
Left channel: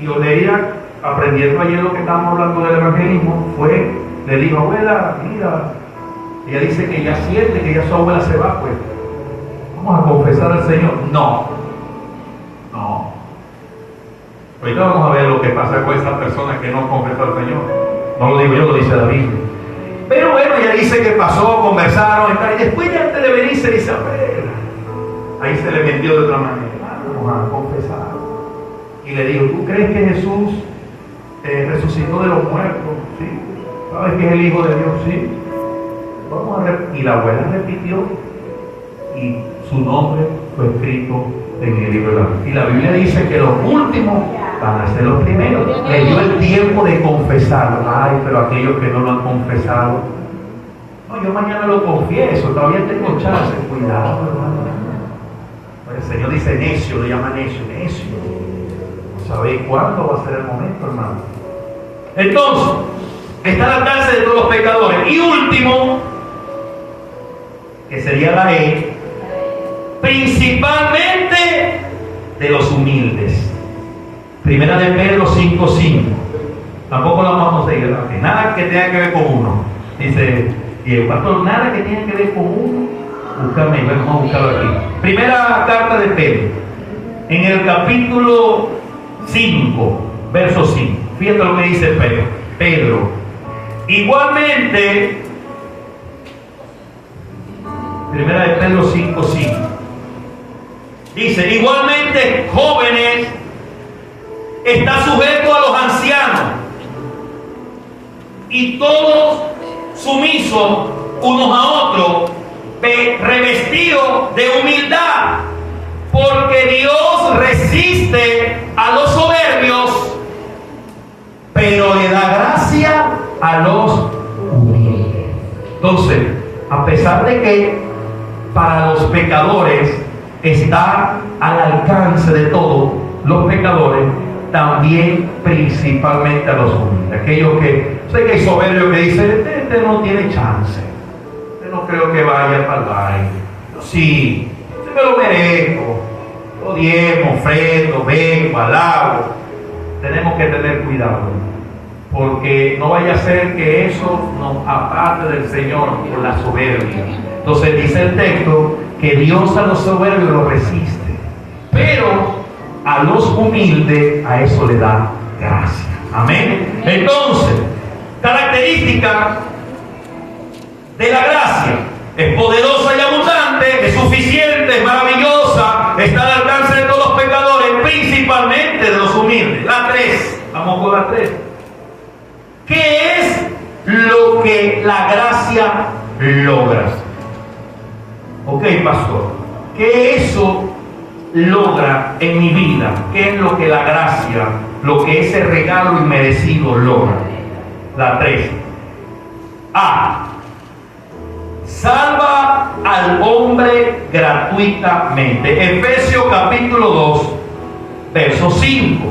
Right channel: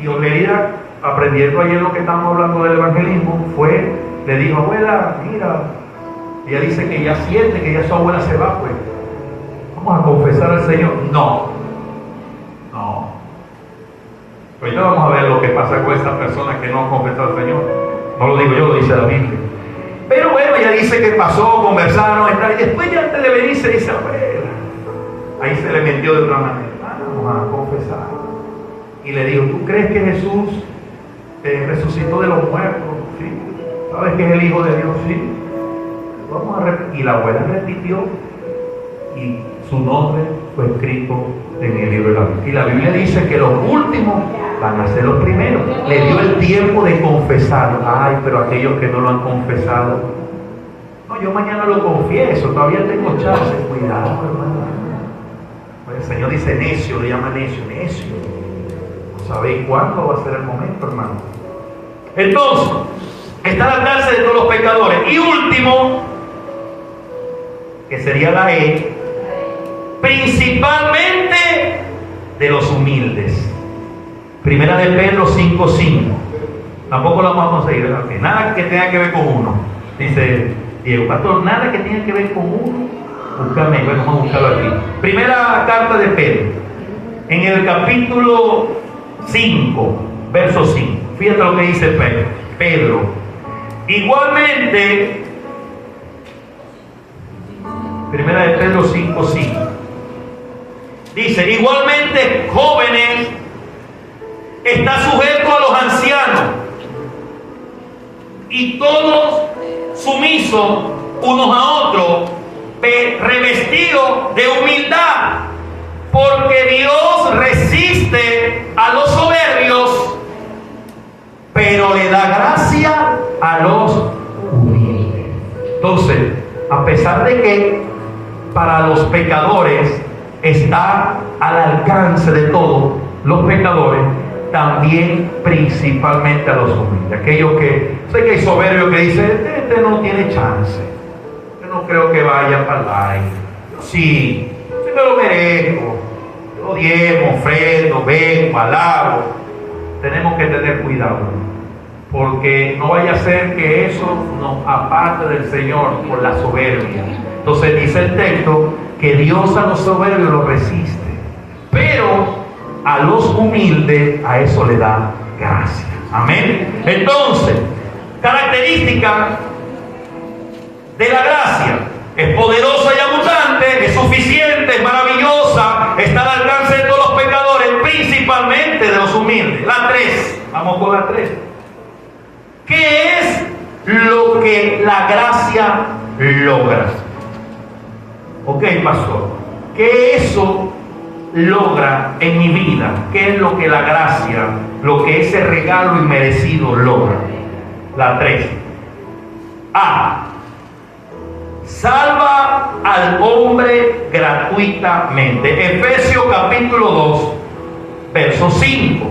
Y Oleria, aprendiendo ayer lo que estábamos hablando del evangelismo, le dijo, abuela, mira, ella dice que ya siente que ya su abuela se va, pues vamos a confesar al Señor. No. Ahorita vamos a ver lo que pasa con estas personas que no confesan al Señor. No lo digo yo, lo dice la Biblia. Pero bueno, ella dice que pasó, conversaron, y después ya antes de venir se dice, abuela. Ahí se le metió de otra manera. Vamos a confesar. Y le dijo, ¿tú crees que Jesús resucitó de los muertos? Sí. ¿Sabes que es el Hijo de Dios? Sí. Vamos a ver. Y la abuela repitió y su nombre fue escrito en el libro de la vida. Y la Biblia dice que los últimos van a ser los primeros. Le dio el tiempo de confesarlo. Ay, pero aquellos que no lo han confesado, no, yo mañana lo confieso, todavía tengo chance. Cuidado, hermano. El Señor dice necio, le llama necio. ¿Sabéis cuándo va a ser el momento, hermano? Entonces, está al alcance de todos los pecadores. Y último, que sería la E, principalmente de los humildes. Primera de Pedro 5:5. Tampoco la vamos a seguir, ¿verdad? Que nada que tenga que ver con uno. Dice Diego, pastor, nada que tenga que ver con uno. Búscame, vamos a buscarlo aquí. Primera carta de Pedro, en el capítulo 5, verso 5. Fíjate lo que dice Pedro. Igualmente, primera de Pedro 5:5. Dice, igualmente, jóvenes, está sujeto a los ancianos, y todos sumisos unos a otros, revestidos de humildad, porque Dios resiste a los soberbios, pero le da gracia a los humildes. Entonces, a pesar de que para los pecadores está al alcance de todos los pecadores, también principalmente a los humildes. Aquellos que, sé que hay soberbios que dicen, este no tiene chance, yo no creo que vaya para el baile. Sí, yo me lo merezco, yo diezmo, ofrendo, vengo, alabo. Tenemos que tener cuidado, porque no vaya a ser que eso nos aparte del Señor por la soberbia. Entonces dice el texto que Dios a los soberbios lo resiste, pero a los humildes a eso le da gracia. Amén. Entonces, característica de la gracia: es poderosa y abundante, es suficiente, es maravillosa, está al alcance de todos los pecadores, principalmente de los humildes. La 3, vamos con la 3. ¿Qué es lo que la gracia logra? Ok, pastor, ¿qué eso logra en mi vida? ¿Qué es lo que la gracia, lo que ese regalo inmerecido logra? La 3. A. Salva al hombre gratuitamente. Efesios capítulo 2, verso 5.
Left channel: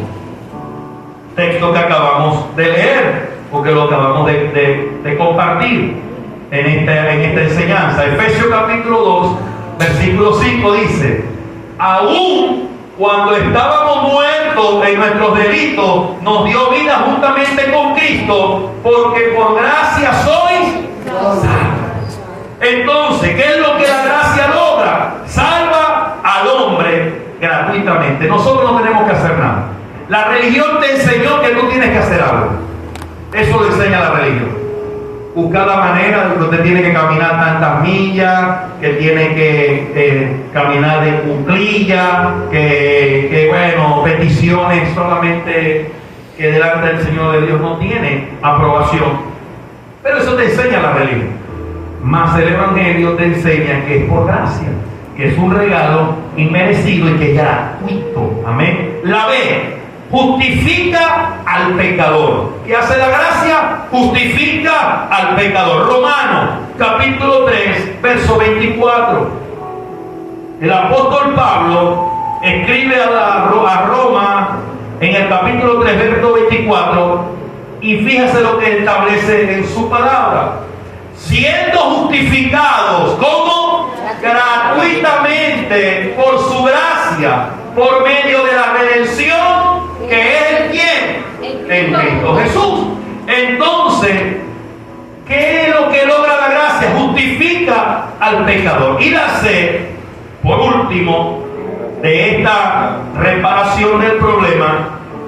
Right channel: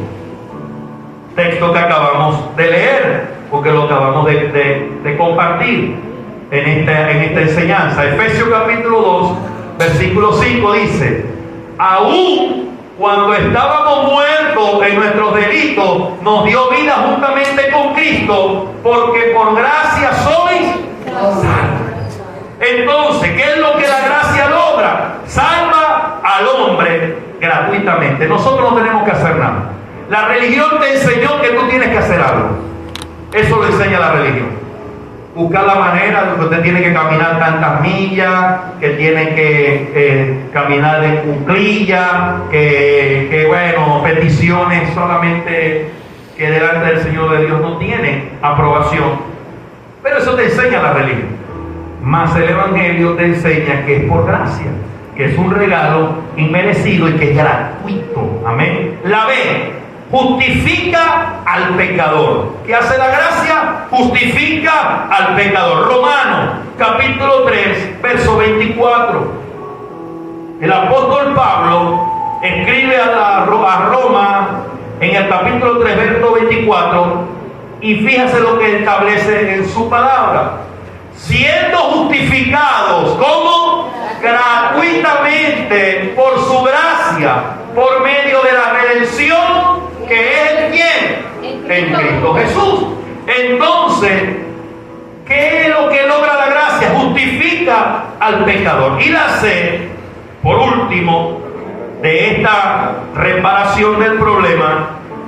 Texto que acabamos de leer, porque lo acabamos de compartir en esta enseñanza. Efesios capítulo 2, versículo 5 dice: aún cuando estábamos muertos en nuestros delitos, nos dio vida juntamente con Cristo, porque por gracia sois salvos. Entonces, ¿qué es lo que la gracia logra? Salva al hombre gratuitamente. Nosotros no tenemos que hacer nada. La religión te enseñó que tú tienes que hacer algo. Eso lo enseña la religión. Buscar la manera de que usted tiene que caminar tantas millas, que tiene que caminar en cuclillas, que bueno, peticiones solamente que delante del Señor de Dios no tienen aprobación. Pero eso te enseña la religión. Mas el Evangelio te enseña que es por gracia, que es un regalo inmerecido y que es gratuito. Amén. La B justifica al pecador. ¿Qué hace la gracia? Justifica al pecador. Romanos capítulo 3, verso 24. El apóstol Pablo escribe a Roma en el capítulo 3, verso 24, y fíjese lo que establece en su palabra. Siendo justificados, ¿cómo? Gratuitamente, por su gracia, por medio de la redención, que es ¿quién? En Cristo Jesús. Entonces, ¿qué es lo que logra la gracia? Justifica al pecador. Y la C, por último, de esta reparación del problema,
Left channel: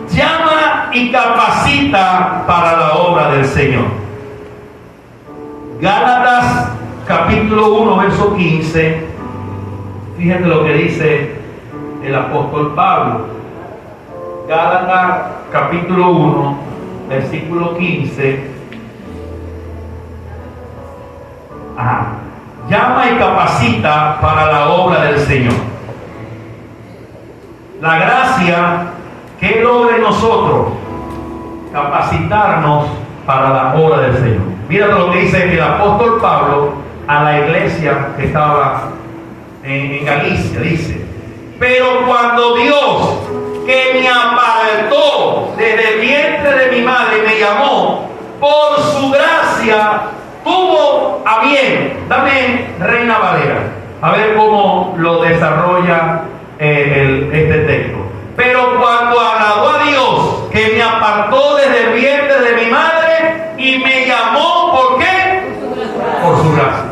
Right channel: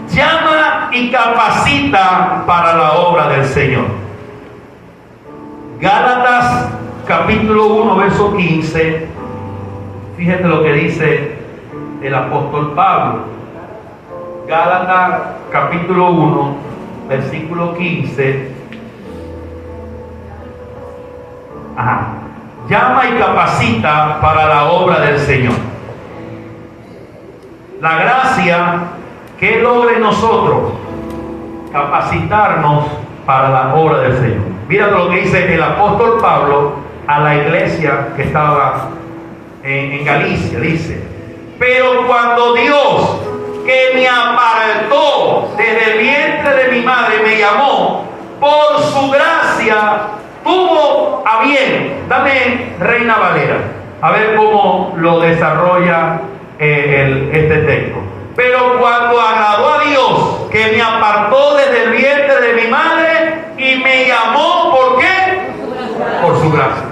llama y capacita para la obra del Señor. Gálatas capítulo 1, verso 15. Fíjense lo que dice el apóstol Pablo. Gálatas capítulo 1, versículo 15. Llama y capacita para la obra del Señor. La gracia que logra en nosotros capacitarnos para la obra del Señor. Mira lo que dice el apóstol Pablo a la iglesia que estaba en Galicia. Dice: pero cuando Dios, que me apartó desde el vientre de mi madre, me llamó, por su gracia tuvo a bien. Dame Reina Valera, a ver cómo lo desarrolla este texto. Pero cuando agradó a Dios, que me apartó desde el vientre de mi madre y me llamó, ¿por qué? Por su gracia.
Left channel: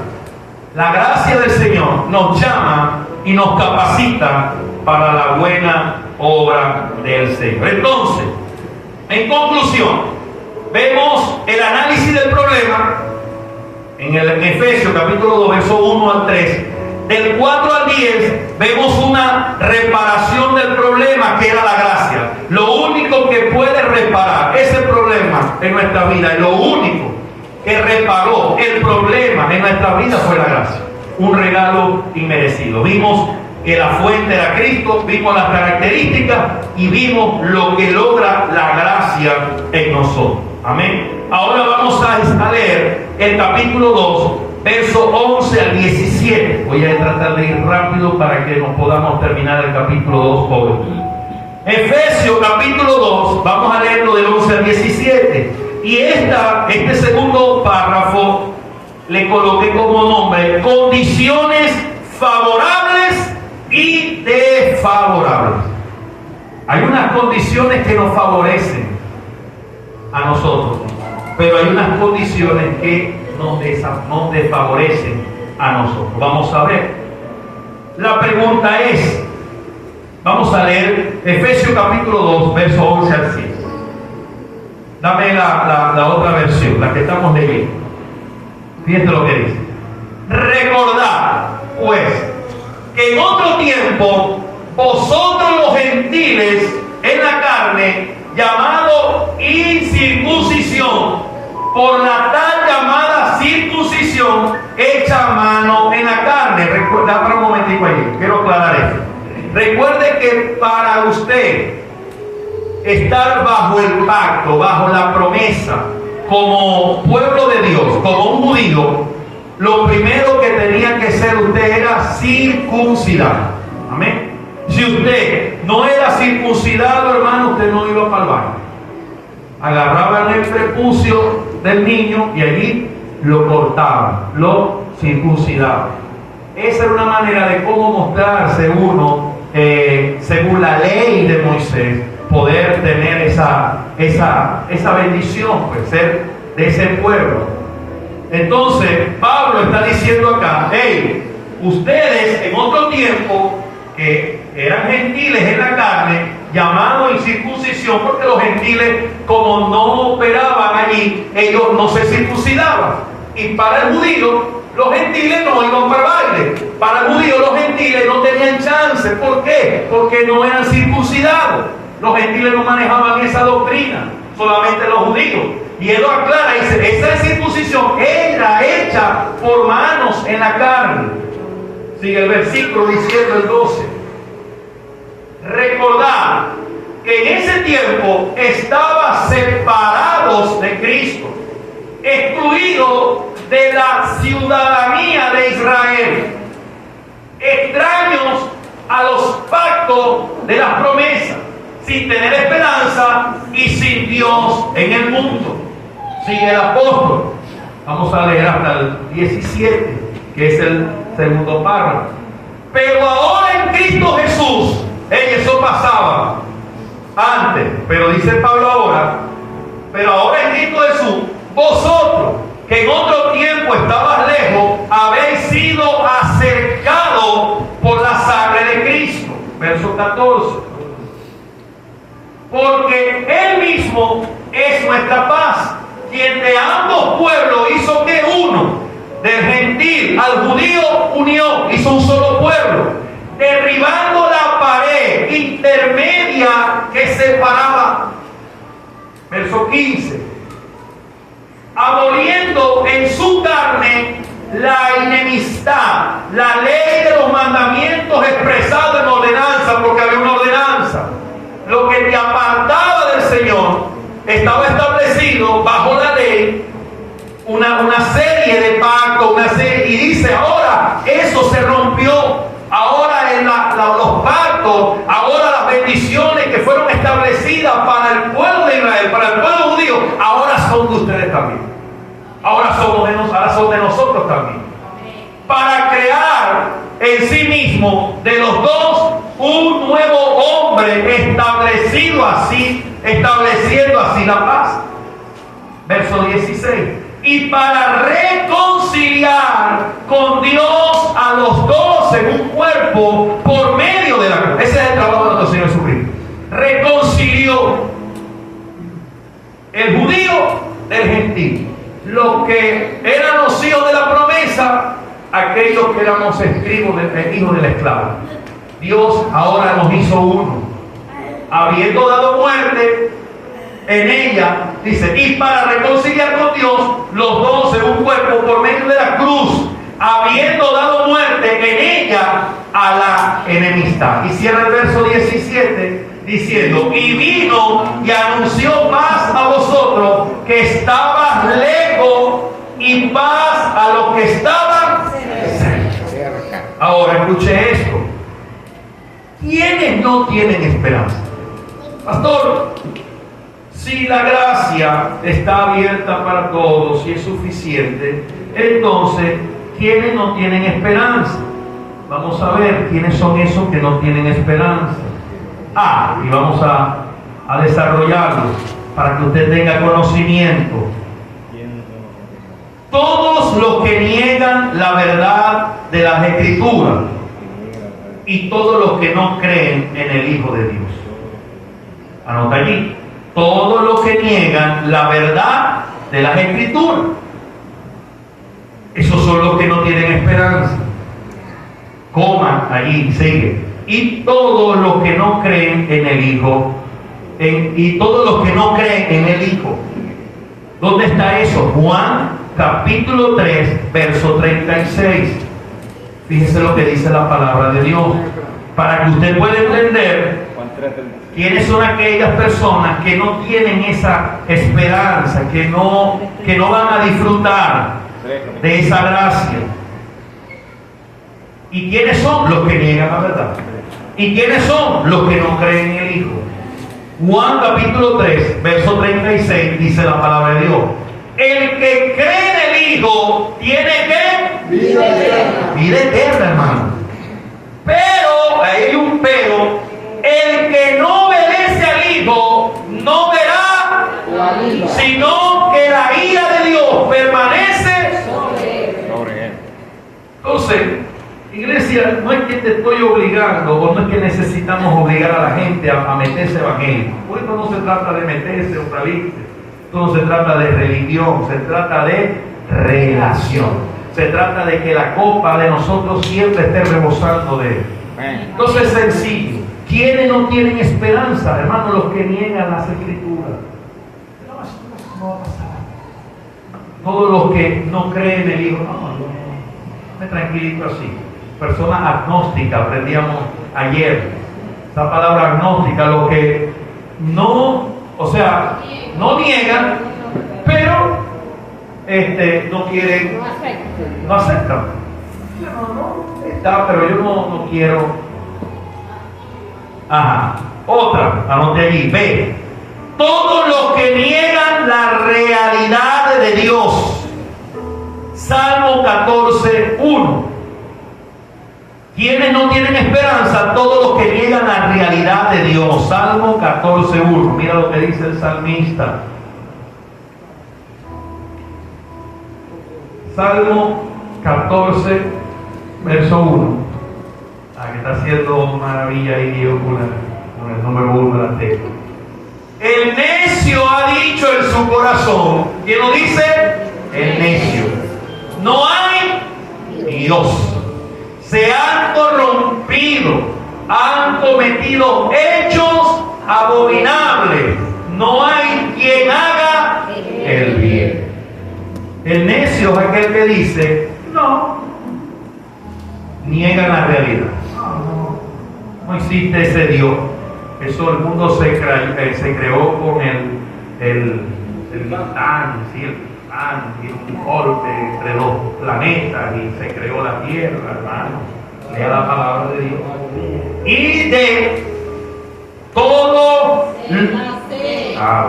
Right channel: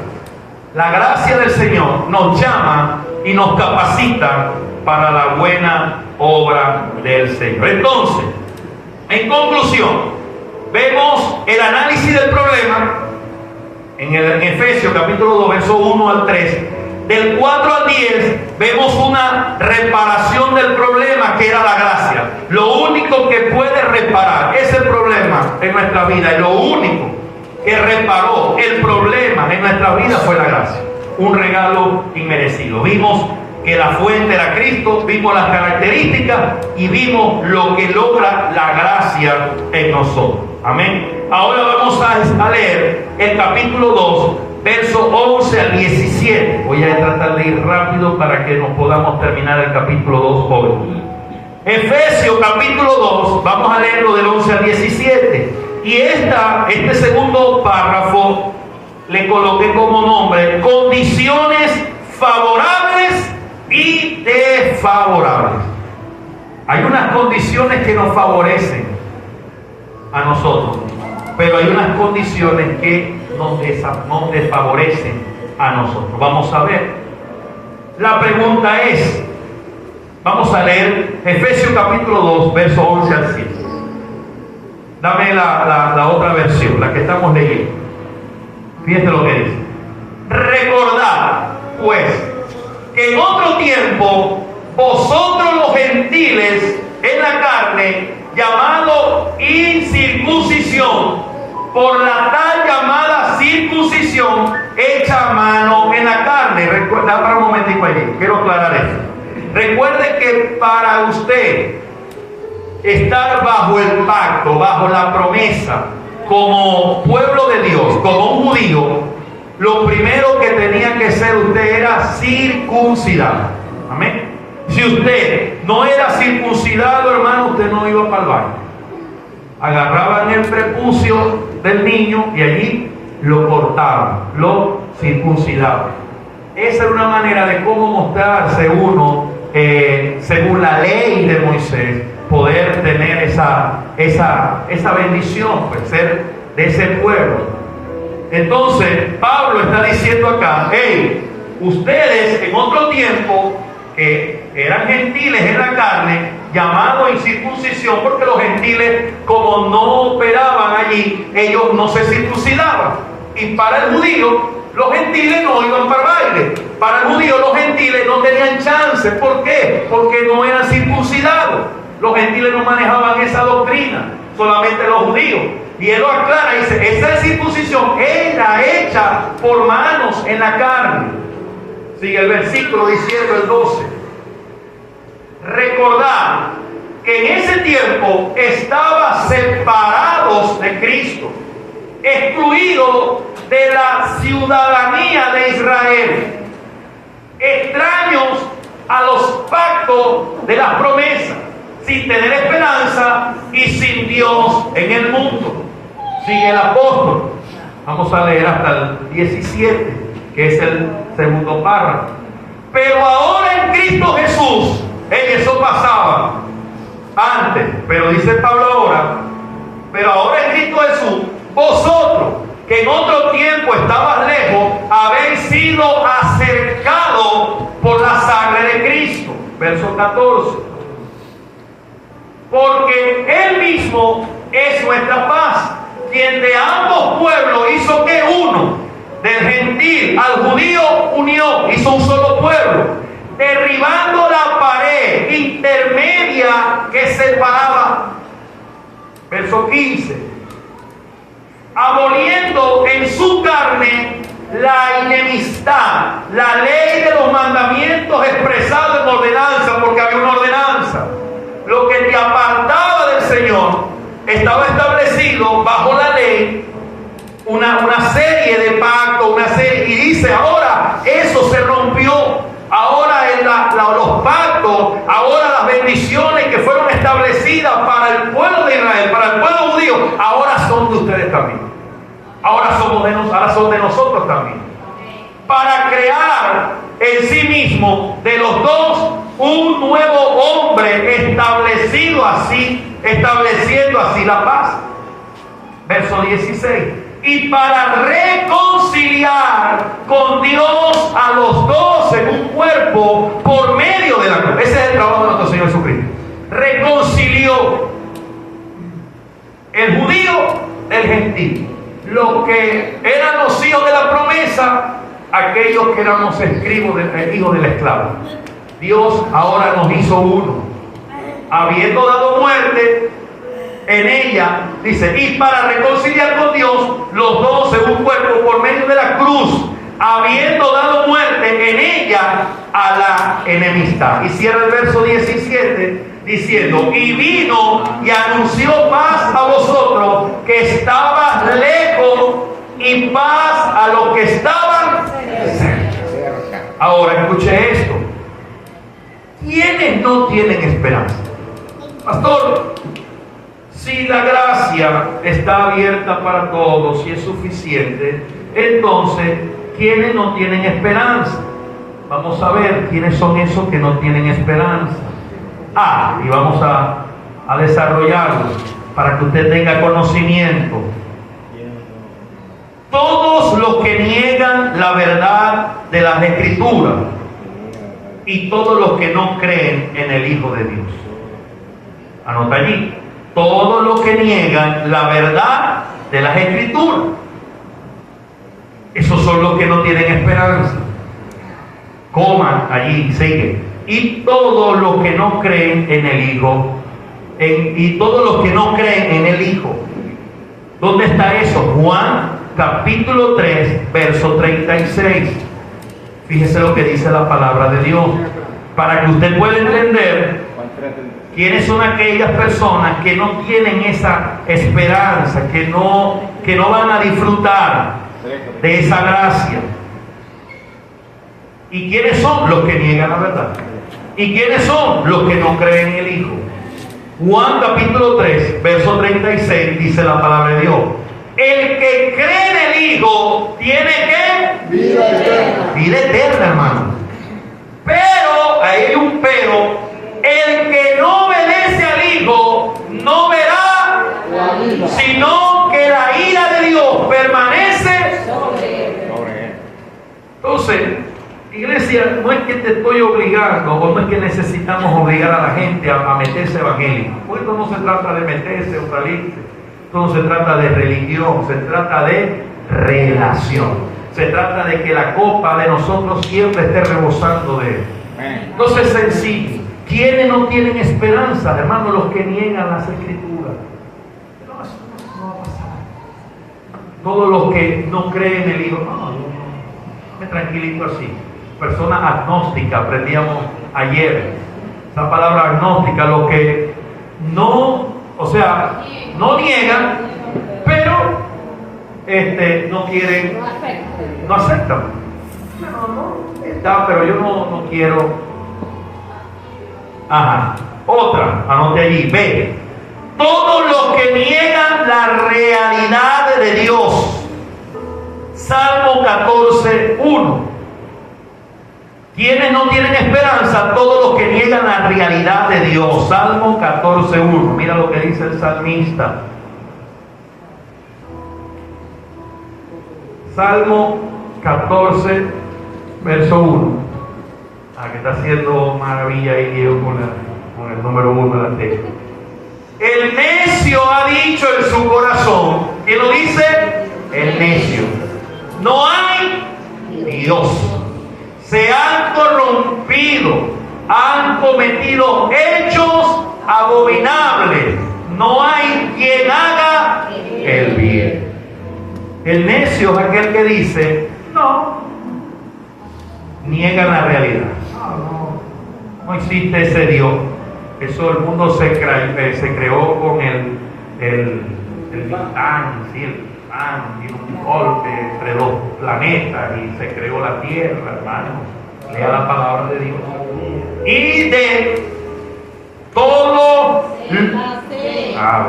La gracia del Señor nos llama y nos capacita para la buena obra del Señor. Entonces, en conclusión, vemos el análisis del problema en el Efesios capítulo 2, verso 1 al 3. Del 4 al 10 vemos una reparación del problema, que era la gracia. Lo único que puede reparar ese problema en nuestra vida, lo único que reparó el problema en nuestra vida fue la gracia. Un regalo inmerecido. Vimos que la fuente era Cristo, vimos las características y vimos lo que logra la gracia en nosotros. Amén. Ahora vamos a leer el capítulo 2, verso 11 al 17. Voy a tratar de ir rápido para que nos podamos terminar el capítulo 2 hoy. Efesios capítulo 2, vamos a leerlo del 11 al 17. Y este segundo párrafo le coloqué como nombre: condiciones favorables y desfavorables. Hay unas condiciones que nos favorecen a nosotros, pero hay unas condiciones que nos desfavorecen a nosotros. Vamos a ver. La pregunta es, vamos a leer Efesios capítulo 2, verso 11 al 7. Dame la otra versión, la que estamos leyendo. Fíjate lo que dice: recordad, pues, que en otro tiempo vosotros los gentiles en la carne, llamado incircuncisión, por la tal llamada circuncisión hecha a mano en la carne. Recuerda, un momentico ahí, quiero aclarar esto. Recuerde que para usted estar bajo el pacto, bajo la promesa, como pueblo de Dios, como un judío, lo primero que tenía que ser usted era circuncidado. Amén. Si usted no era circuncidado, hermano, usted no iba para el baño. Agarraban el prepucio del niño y allí lo cortaban, lo circuncidaban. Esa era una manera de cómo mostrarse uno, según la ley de Moisés, poder tener esa bendición, pues, ser de ese pueblo. Entonces, Pablo está diciendo acá, hey, ustedes en otro tiempo, que eran gentiles en la carne, llamados incircuncisión, porque los gentiles, como no operaban allí, ellos no se circuncidaban. Y para el judío, los gentiles no iban para baile. Para el judío, los gentiles no tenían chance. ¿Por qué? Porque no eran circuncidados. Los gentiles no manejaban esa doctrina, solamente los judíos. Y él lo aclara, dice, esa circuncisión era hecha por manos en la carne. Sigue el versículo diciendo el 12. Recordad que en ese tiempo estaban separados de Cristo, excluidos de la ciudadanía de Israel, extraños a los pactos de las promesas, sin tener esperanza y sin Dios en el mundo. Sigue el apóstol. Vamos a leer hasta el 17, que es el segundo párrafo. Pero ahora en Cristo Jesús, eso pasaba antes, pero dice Pablo ahora, pero ahora en Cristo Jesús, vosotros que en otro tiempo estabas lejos, habéis sido acercados por la sangre de Cristo. Verso 14. Porque Él mismo es nuestra paz, quien de ambos pueblos hizo que uno, del gentil al judío unió, hizo un solo pueblo, derribando la pared intermedia que separaba. Verso 15. Aboliendo en su carne la enemistad, la ley de los mandamientos expresados en ordenanza, porque había una ordenanza. Lo que te apartaba del Señor estaba establecido bajo la ley, una serie de pactos, y dice ahora eso se rompió. Ahora los pactos, ahora las bendiciones que fueron establecidas para el pueblo de Israel, para el pueblo judío, ahora son de ustedes también. Ahora son de nosotros también. Para crear en sí mismo de los dos un nuevo hombre estableciendo así la paz. Verso 16. Y para reconciliar con Dios a los dos en un cuerpo por medio de la cruz. Ese es el trabajo de nuestro Señor Jesucristo. Reconcilió el judío del gentil. Los que eran los hijos de la promesa, aquellos que eran los hijos de la esclava. Dios ahora nos hizo uno, habiendo dado muerte en ella, dice, y para reconciliar con Dios los dos en un cuerpo por medio de la cruz, habiendo dado muerte en ella a la enemistad. Y cierra el verso 17 diciendo, y vino y anunció paz a vosotros que estabas lejos y paz a los que estaban cerca. Ahora escuche esto. ¿Quiénes no tienen esperanza? Pastor, si la gracia está abierta para todos y es suficiente, entonces, ¿quiénes no tienen esperanza? Vamos a ver quiénes son esos que no tienen esperanza. Y vamos a desarrollarlos para que usted tenga conocimiento. Todos los que niegan la verdad de las Escrituras y todos los que no creen en el Hijo de Dios. Anota allí. Todos los que niegan la verdad de las Escrituras. Esos son los que no tienen esperanza. Coma allí, sigue. Y todos los que no creen en el Hijo. Y todos los que no creen en el Hijo. ¿Dónde está eso? Juan capítulo 3, verso 36. Fíjese lo que dice la palabra de Dios. Para que usted pueda entender quiénes son aquellas personas que no tienen esa esperanza, que no van a disfrutar de esa gracia. ¿Y quiénes son los que niegan la verdad? ¿Y quiénes son los que no creen en el Hijo? Juan capítulo 3, verso 36 dice la palabra de Dios. El que cree en el Hijo tiene que vida eterna. Vida eterna, hermano. Pero, ahí hay un pero, el que no obedece al Hijo no verá, sino que la ira de Dios permanece Entonces, iglesia, no es que te estoy obligando, o no es que necesitamos obligar a la gente a meterse evangélico. Por esto no se trata de meterse o salirse. Esto no se trata de religión, se trata de relación. Se trata de que la copa de nosotros siempre esté rebosando de Él. Entonces es sencillo. ¿Quiénes no tienen esperanza, hermanos? Los que niegan las Escrituras. No, eso no va a pasar. Todos los que no creen en el libro. No, tranquilito así. Persona agnóstica, aprendíamos ayer. Esa palabra agnóstica, los que no, o sea, no niegan, pero no quieren, no aceptan. No, está, pero yo no quiero. Ajá. Otra, anote allí, B. Todos los que niegan la realidad de Dios. Salmo 14:1. ¿Quiénes no tienen esperanza? Todos los que niegan la realidad de Dios. Salmo 14:1. Mira lo que dice el salmista. Salmo 14, verso 1. Que está haciendo maravilla ahí Dios con el número 1 del texto. El necio ha dicho en su corazón. ¿Quién lo dice? El necio. No hay Dios. Se han corrompido, han cometido hechos abominables. No hay quien haga el bien. El necio es aquel que dice, no, niegan la realidad. No existe ese Dios. Eso el mundo se creó con el Titán, ¿sí? El Titán, y un golpe entre los planetas y se creó la Tierra, hermano. Lea la palabra de Dios. Y de todo.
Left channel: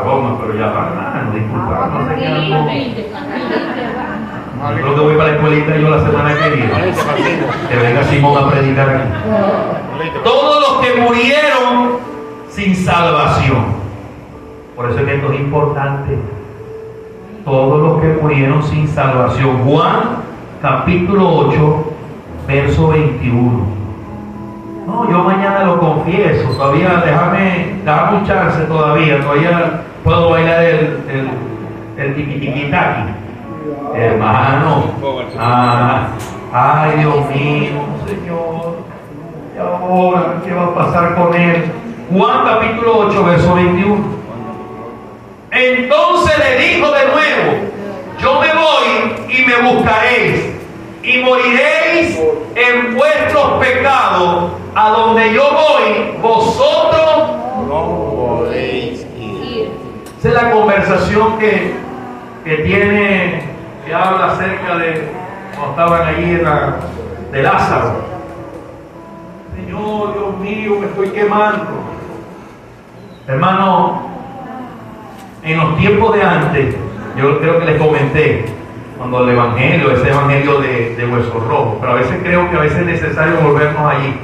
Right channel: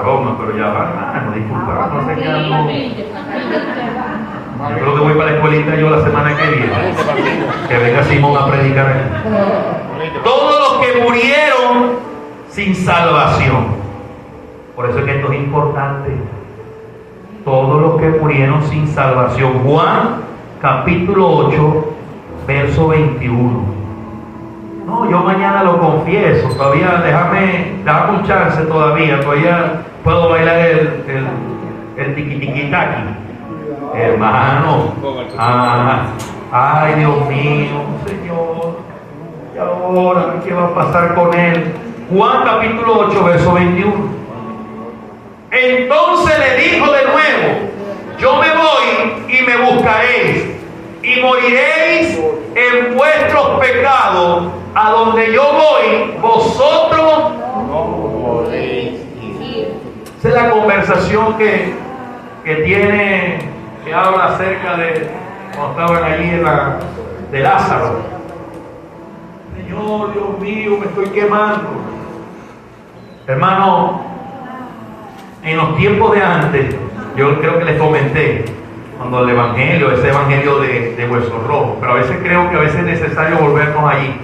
Broma, pero ya va, hermano, disculpa, no sé qué algo. Yo creo que voy para la escuelita yo la semana que viene. Que venga Simón a predicar aquí. Todos los que murieron sin salvación. Por eso es que esto es importante. Todos los que murieron sin salvación. Juan capítulo 8, verso 21. No, yo mañana lo confieso. Todavía déjame un chance todavía. Todavía puedo bailar el tiquitiquitaqui. Hermano, ay Dios mío, Señor, y ahora, ¿qué va a pasar con él? Juan capítulo 8, verso 21. Entonces le dijo de nuevo, yo me voy y me buscaréis, y moriréis en vuestros pecados, a donde yo voy, vosotros no podéis ir. Esa es la conversación que tiene, que habla acerca de cuando estaban allí de Lázaro. Señor, Dios mío, me estoy quemando. Hermano, en los tiempos de antes, yo creo que les comenté, cuando el evangelio, ese evangelio de hueso rojo, pero a veces creo que a veces es necesario volvernos allí.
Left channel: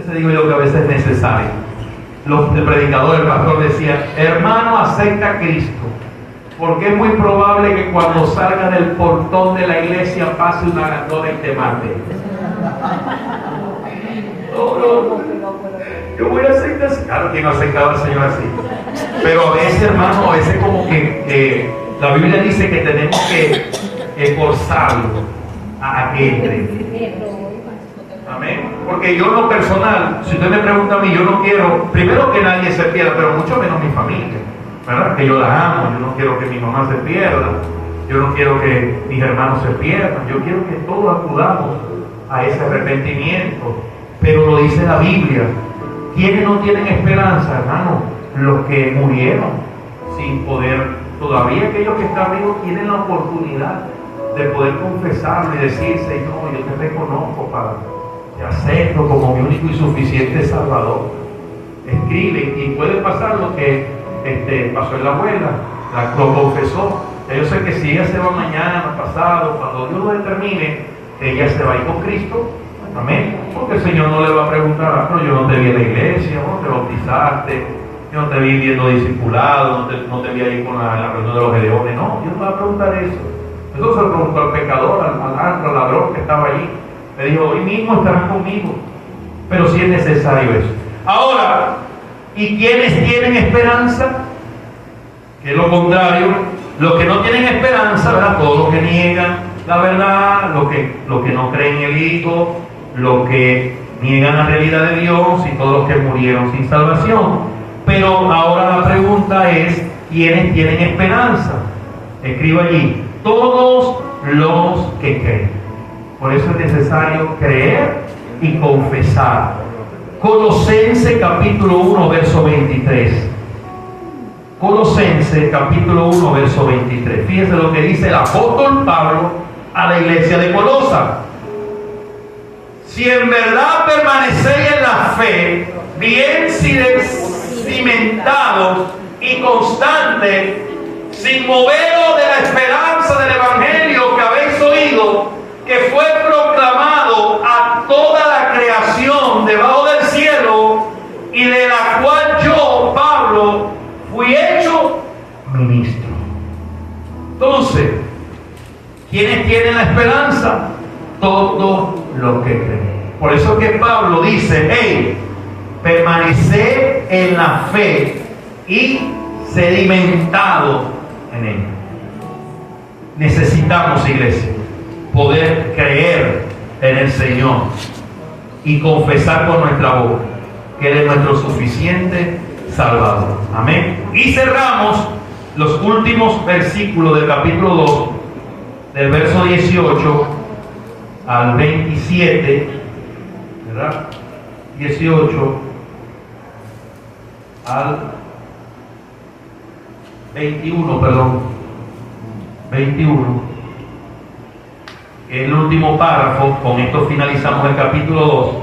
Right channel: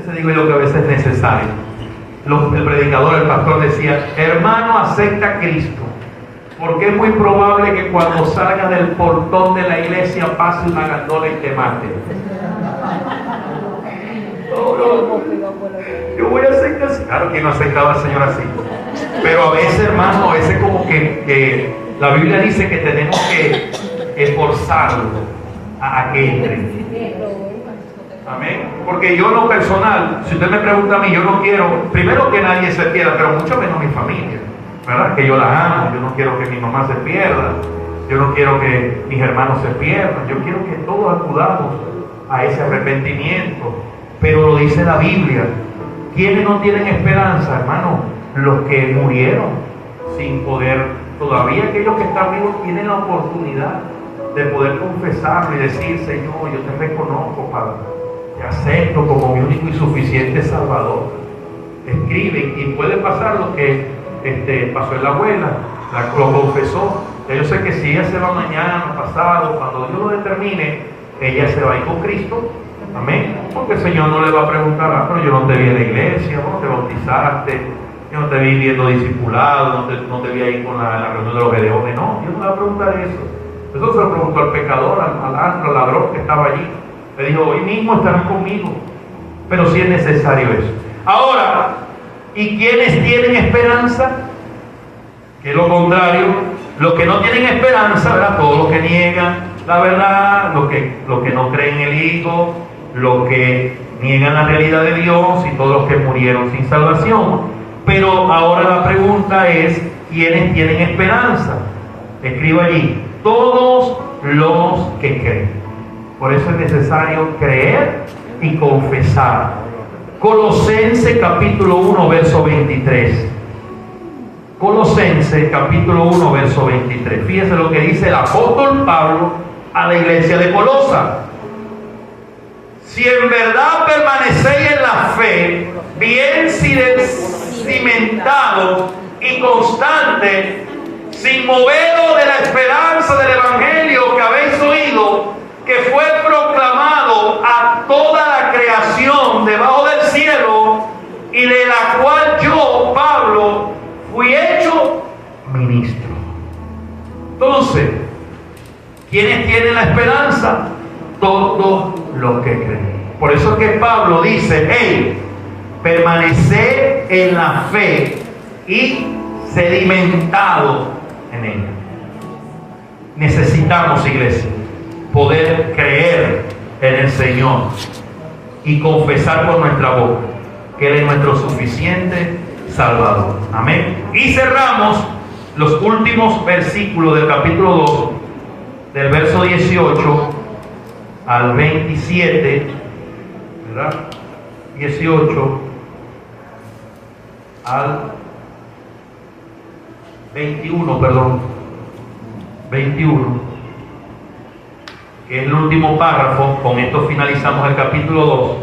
Eso digo yo que a veces es necesario. El predicador, el pastor decía, hermano, acepta a Cristo. Porque es muy probable que cuando salga del portón de la iglesia pase una gandola y te mate. Yo voy a aceptar. Claro que no aceptaba al Señor así. Pero a veces, hermano, a veces como que la Biblia dice que tenemos que esforzarlo a que entre. Amén. Porque yo en lo personal, si usted me pregunta a mí, yo no quiero, primero que nadie se pierda, pero mucho menos mi familia. ¿Verdad? Que yo la amo, yo no quiero que mi mamá se pierda, yo no quiero que mis hermanos se pierdan, yo quiero que todos acudamos a ese arrepentimiento. Pero lo dice la Biblia, ¿quiénes no tienen esperanza, hermano? Los que murieron sin poder, todavía aquellos que están vivos tienen la oportunidad de poder confesarlo y decir, Señor, yo te reconozco, Padre, te acepto como mi único y suficiente Salvador. Escriben y puede pasar lo que pasó en la abuela, lo confesó. Yo sé que si ella se va mañana, pasado, cuando Dios lo determine, ella se va a ir con Cristo. Amén. Porque el Señor no le va a preguntar, pero yo no te vi en la iglesia, no te bautizaste, yo no te vi viendo discipulado, no te vi ahí con la reunión de los gedeones. No, Dios no va a preguntar eso. Eso se lo preguntó al pecador, al ladrón que estaba allí. Le dijo, hoy mismo estarán conmigo. Pero sí es necesario eso. Ahora, ¿y quiénes tienen esperanza? Que es lo contrario, los que no tienen esperanza, ¿verdad? Todos los que niegan la verdad, los que no creen en el Hijo, los que niegan la realidad de Dios y todos los que murieron sin salvación. Pero ahora la pregunta es, ¿quiénes tienen esperanza? Escribo allí, todos los que creen. Por eso es necesario creer y confesar. Colosenses capítulo 1, verso 23. Colosenses capítulo 1, verso 23. Fíjense lo que dice el apóstol Pablo a la iglesia de Colosa. Si en verdad permanecéis en la fe, bien cimentado y constante, sin moveros de la esperanza del evangelio que habéis oído, que fue proclamado a toda la creación debajo del cielo, y de la cual yo, Pablo, fui hecho ministro. Entonces, ¿quiénes tienen la esperanza? Todos los que creen. Por eso es que Pablo dice, hey, permaneced en la fe y sedimentado en ella. Necesitamos, iglesia, poder creer en el Señor y confesar con nuestra boca que Él es nuestro suficiente Salvador. Amén. Y cerramos los últimos versículos del capítulo 2, del verso 18 al 27, ¿verdad? 18 al 21, perdón. 21. El último párrafo, con esto finalizamos el capítulo 2.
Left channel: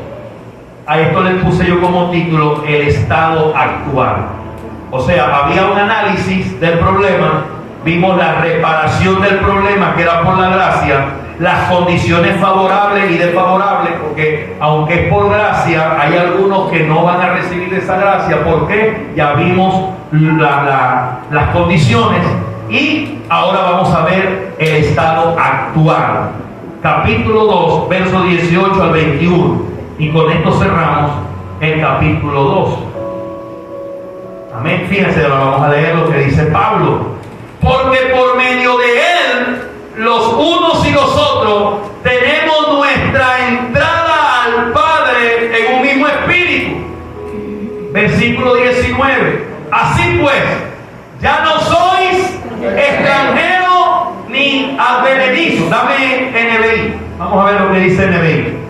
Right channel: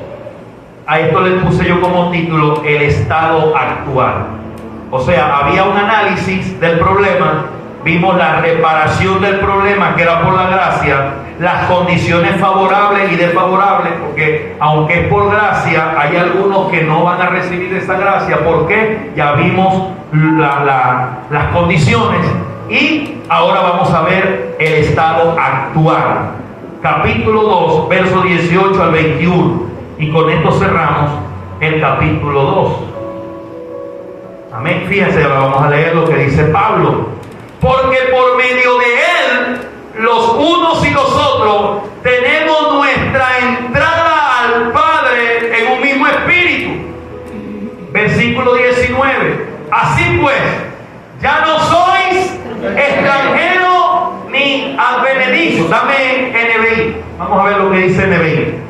A esto le puse yo como título el estado actual. O sea, había un análisis del problema, vimos la reparación del problema que era por la gracia, las condiciones favorables y desfavorables, porque aunque es por gracia, hay algunos que no van a recibir esa gracia. ¿Por qué? Ya vimos las condiciones y ahora vamos a ver el estado actual. Capítulo 2, verso 18 al 21. Y con esto cerramos el capítulo 2. Amén. Fíjense, ahora vamos a leer lo que dice Pablo. Porque por medio de Él, los unos y los otros, tenemos nuestra entrada al Padre en un mismo espíritu. Versículo 19. Así pues, ya no sois extranjeros ni advenedizos. Dame NBI. Vamos a ver lo que dice NBI.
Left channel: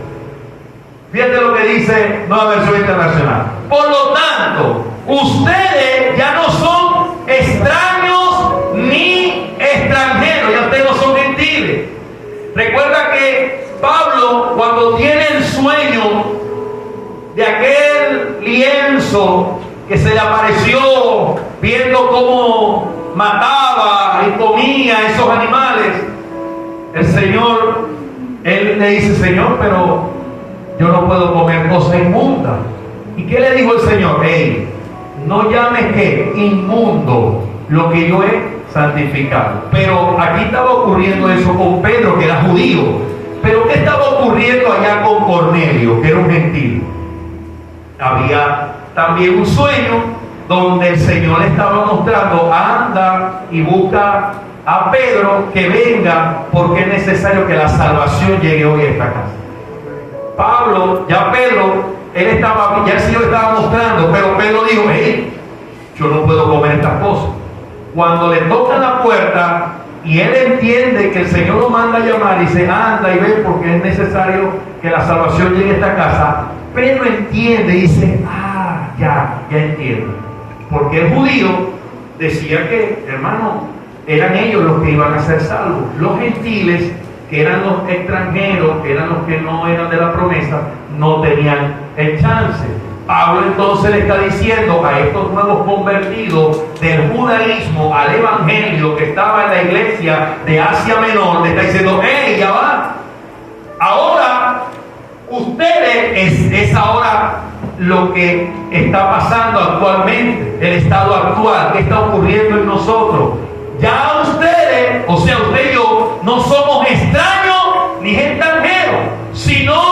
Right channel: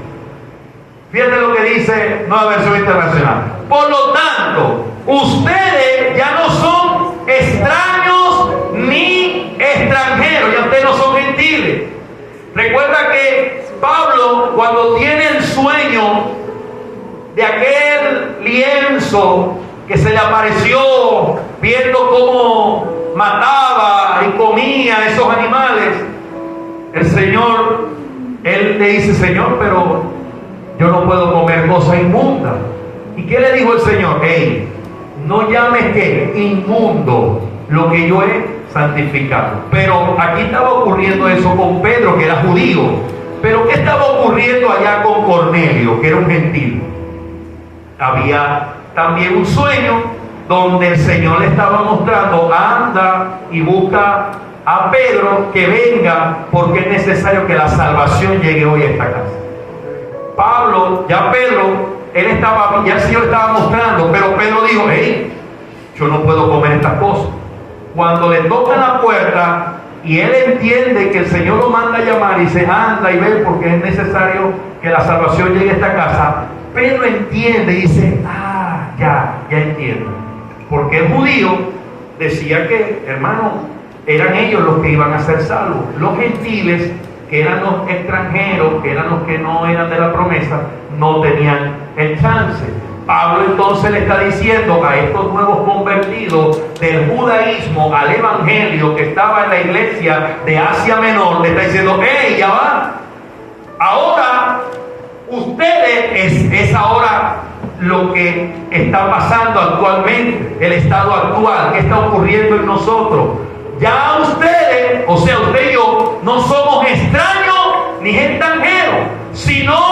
Fíjate lo que dice Nueva Versión Internacional. Por lo tanto, ustedes ya no son extraños ni extranjeros, ya ustedes no son gentiles. Recuerda que Pablo, cuando tiene el sueño de aquel lienzo que se le apareció viendo cómo mataba y comía a esos animales, el Señor, él le dice, Señor, pero yo no puedo comer cosas inmundas. ¿Y qué le dijo el Señor? Hey, no llames que inmundo lo que yo he santificado. Pero aquí estaba ocurriendo eso con Pedro, que era judío. Pero ¿qué estaba ocurriendo allá con Cornelio, que era un gentil? Había también un sueño donde el Señor le estaba mostrando, anda y busca a Pedro que venga, porque es necesario que la salvación llegue hoy a esta casa. Pablo, ya Pedro, ya el Señor estaba mostrando, pero Pedro dijo, hey, yo no puedo comer estas cosas. Cuando le tocan la puerta y él entiende que el Señor lo manda a llamar y dice, anda y ve porque es necesario que la salvación llegue a esta casa, Pedro entiende y dice, ya entiendo. Porque el judío decía que, hermano, eran ellos los que iban a ser salvos. Los gentiles, que eran los extranjeros, que eran los que no eran de la promesa, no tenían el chance. Pablo entonces le está diciendo a estos nuevos convertidos del judaísmo al evangelio que estaba en la iglesia de Asia Menor, le está diciendo, hey, ya va. Ahora, ustedes es ahora lo que está pasando actualmente, el estado actual, que está ocurriendo en nosotros. Ya ustedes, o sea, usted y yo, no somos extraños ni extranjeros, sino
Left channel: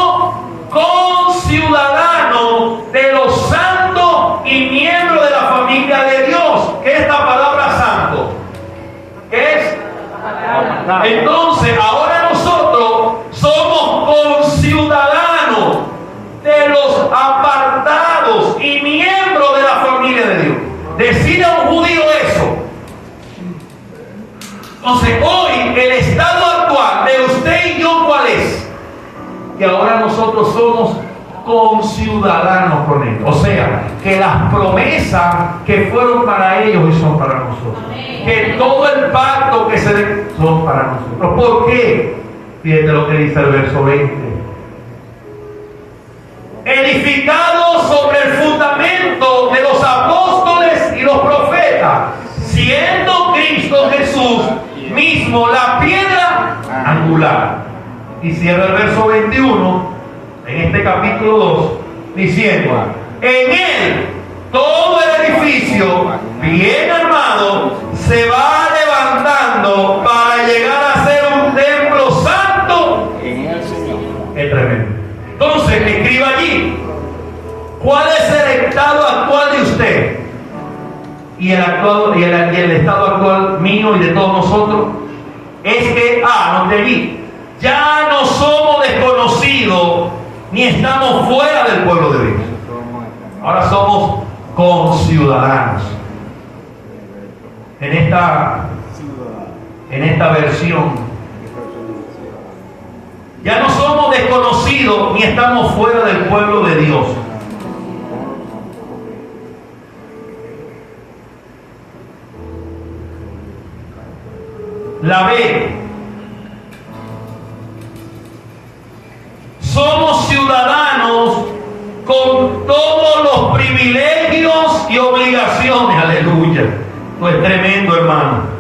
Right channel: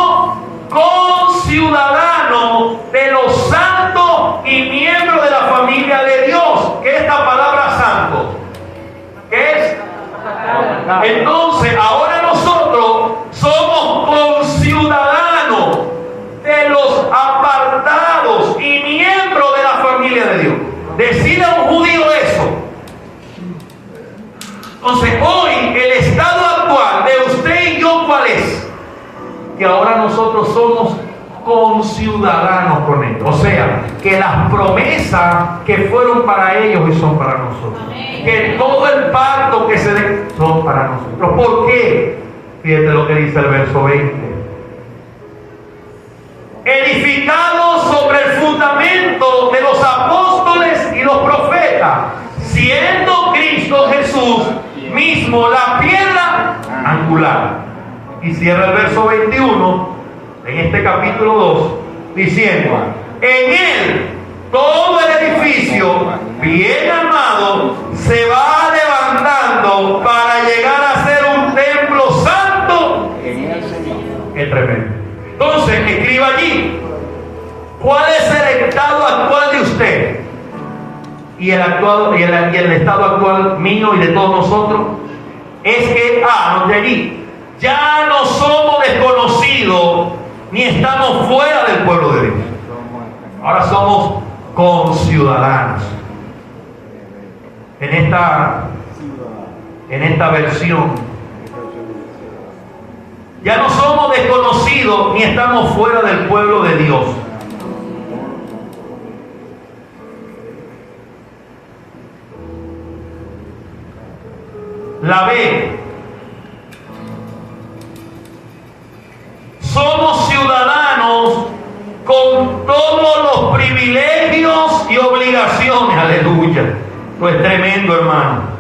Decide a un judío eso. Entonces, hoy el estado actual de usted y yo, ¿cuál es? Que ahora nosotros somos conciudadanos con Él. O sea, que las promesas que fueron para ellos hoy son para nosotros. Que todo el pacto que se le son para nosotros. ¿Por qué? Fíjate lo que dice el verso 20. Edificado sobre el fundamento de los apóstoles y los profetas, siendo Cristo Jesús mismo la piedra angular. Y cierra el verso 21 en este capítulo 2 diciendo: en él todo el edificio bien armado se va levantando para llegar a ser un templo santo en el Señor. Es tremendo. Entonces, escriba allí: ¿cuál es el estado actual de usted? Y el estado actual mío y de todos nosotros es que, anote allí, ya no somos desconocidos ni estamos fuera del pueblo de Dios. Ahora somos conciudadanos. En esta versión, ya no somos desconocidos ni estamos fuera del pueblo de Dios. La B. Somos ciudadanos con todos los privilegios y obligaciones. Aleluya. Esto es tremendo, hermano.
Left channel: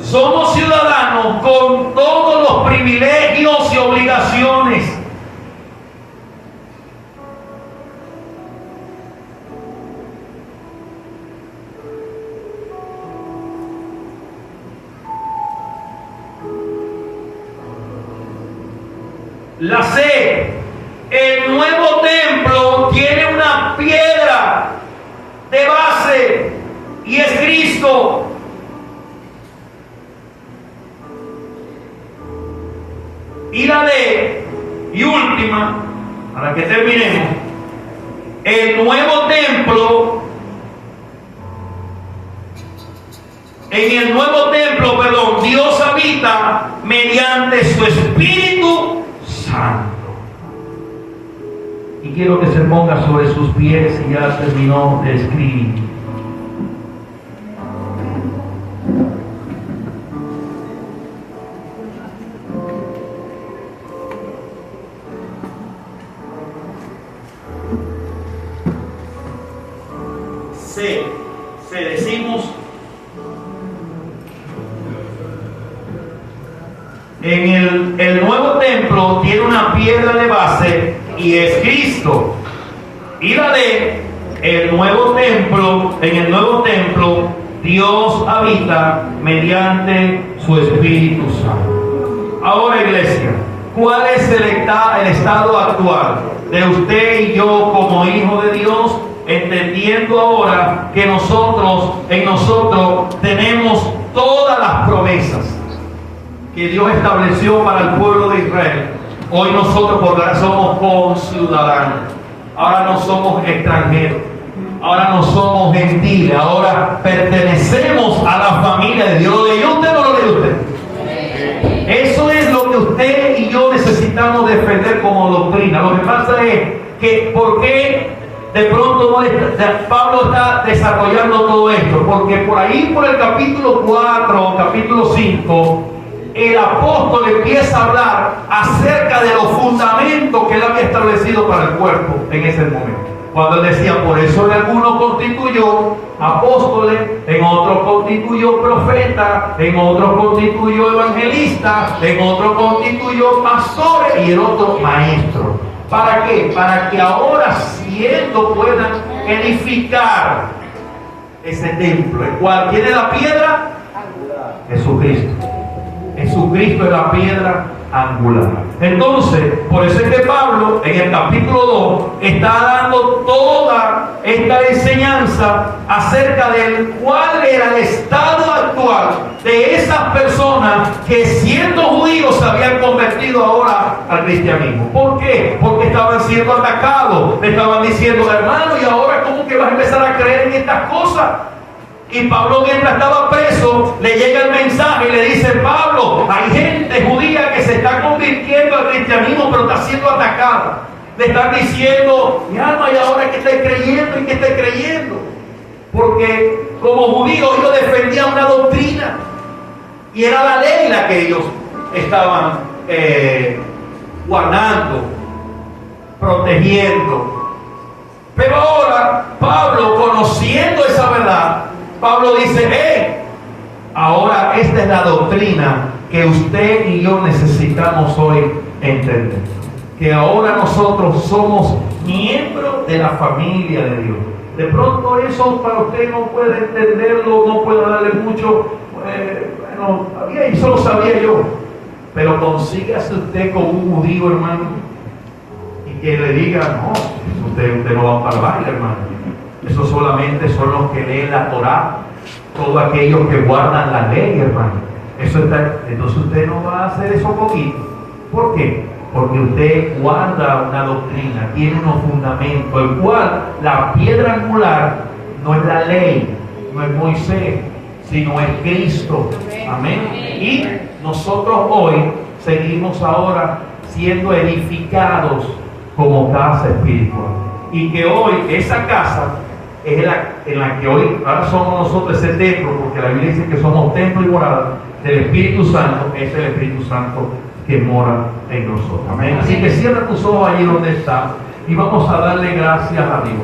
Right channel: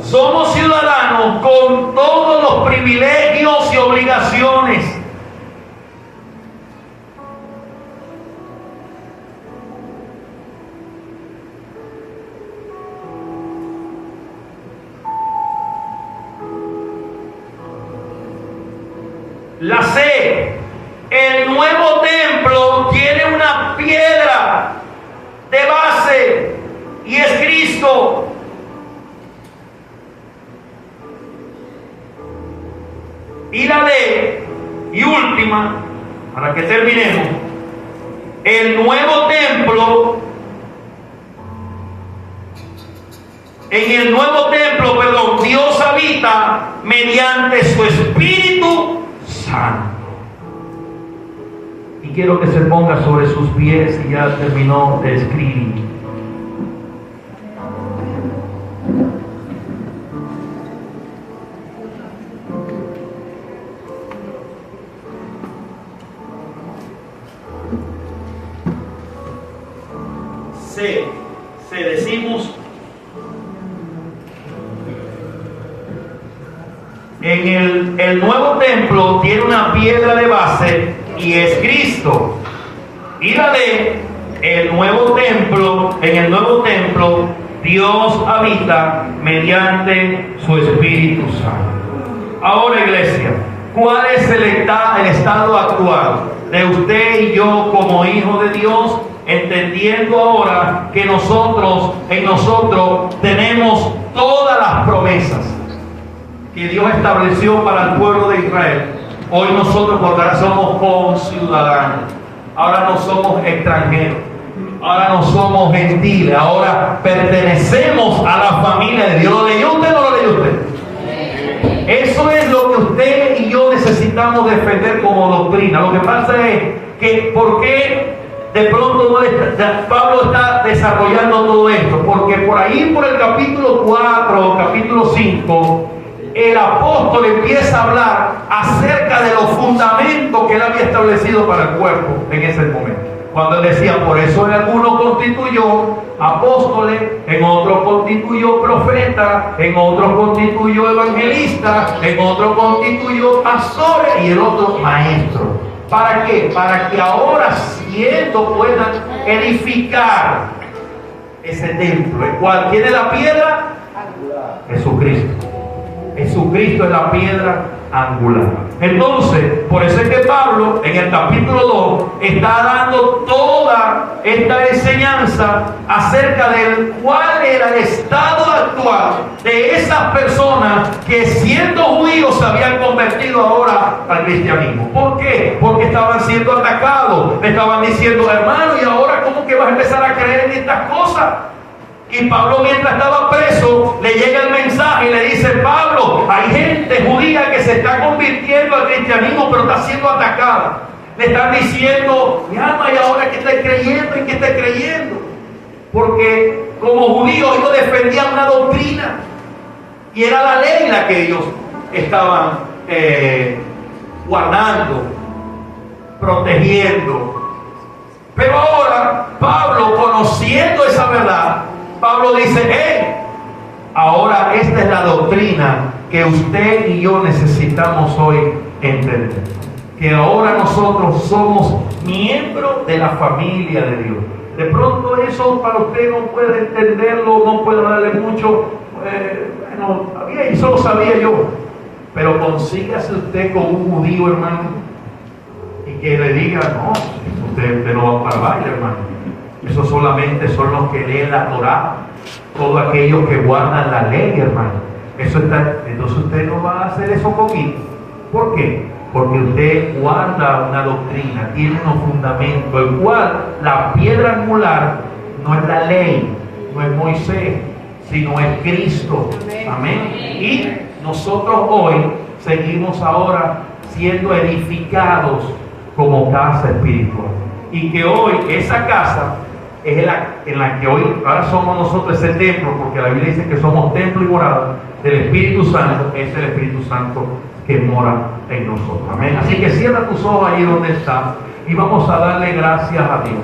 Somos ciudadanos con todos los privilegios y obligaciones. La C, el nuevo templo tiene una piedra de base y es Cristo. Y la D, y última, para que terminemos, el nuevo templo, Dios habita mediante su Espíritu Santo. Y quiero que se ponga sobre sus pies y ya terminó de escribir. Se decimos en el nuevo templo tiene una piedra de base y es Cristo. Y la de el nuevo templo, en el nuevo templo Dios habita mediante su Espíritu Santo. Ahora, iglesia, ¿cuál es el estado actual de usted y yo como hijos de Dios? Entendiendo ahora que en nosotros tenemos todas las promesas que Dios estableció para el pueblo de Israel. Hoy nosotros por ahora somos conciudadanos. Ahora no somos extranjeros. Ahora no somos gentiles. Ahora pertenecemos a la familia de Dios. ¿Lo leyó usted o no lo leyó usted? Eso es lo que usted y yo necesitamos defender como doctrina. Lo que pasa es que ¿por qué de pronto Pablo está desarrollando todo esto? Porque por ahí, por el capítulo 4, capítulo 5, el apóstol empieza a hablar acerca de los fundamentos que él había establecido para el cuerpo en ese momento. Cuando él decía, por eso en algunos constituyó apóstoles, en otros constituyó profetas, en otros constituyó evangelistas, en otros constituyó pastores y en otros maestros. ¿Para qué? Para que ahora siendo puedan edificar ese templo, el cual tiene la piedra Jesucristo. Jesucristo es la piedra angular. Entonces, por eso es que Pablo en el capítulo 2 está dando toda esta enseñanza acerca del cuál era el estado actual de esas personas que siendo judíos se habían convertido ahora al cristianismo. ¿Por qué? Porque estaban siendo atacados. Le estaban diciendo, hermano, ¿y ahora cómo que vas a empezar a creer en estas cosas? Y Pablo, mientras estaba preso, le llega el mensaje y le dice, Pablo, hay gente judía que se está convirtiendo al cristianismo, pero está siendo atacada. Le están diciendo, mi alma, ¿y ahora que esté creyendo y que esté creyendo? Porque como judíos ellos defendían una doctrina y era la ley la que ellos estaban guardando, protegiendo. Pero ahora Pablo, conociendo esa verdad, Pablo dice, ahora esta es la doctrina que usted y yo necesitamos hoy entender. Que ahora nosotros somos miembros de la familia de Dios. De pronto eso para usted no puede entenderlo, no puede darle mucho, bueno, eso lo sabía yo. Pero consígase usted con un judío, hermano, y que le diga, no, usted no va para el baile, hermano. Eso solamente son los que leen la Torá, todos aquellos que guardan la ley, hermano. Entonces usted no va a hacer eso conmigo. ¿Por qué? Porque usted guarda una doctrina, tiene unos fundamentos, el cual la piedra angular no es la ley, no es Moisés, sino es Cristo. Amén. Y nosotros hoy seguimos ahora siendo edificados como casa espiritual. Y que hoy esa casa es en la que hoy, ahora somos nosotros ese templo, porque la Biblia dice que somos templo y morada del Espíritu Santo, es el Espíritu Santo que mora en nosotros. Amén. Así que cierra tus ojos ahí donde estás y vamos a darle gracias a Dios.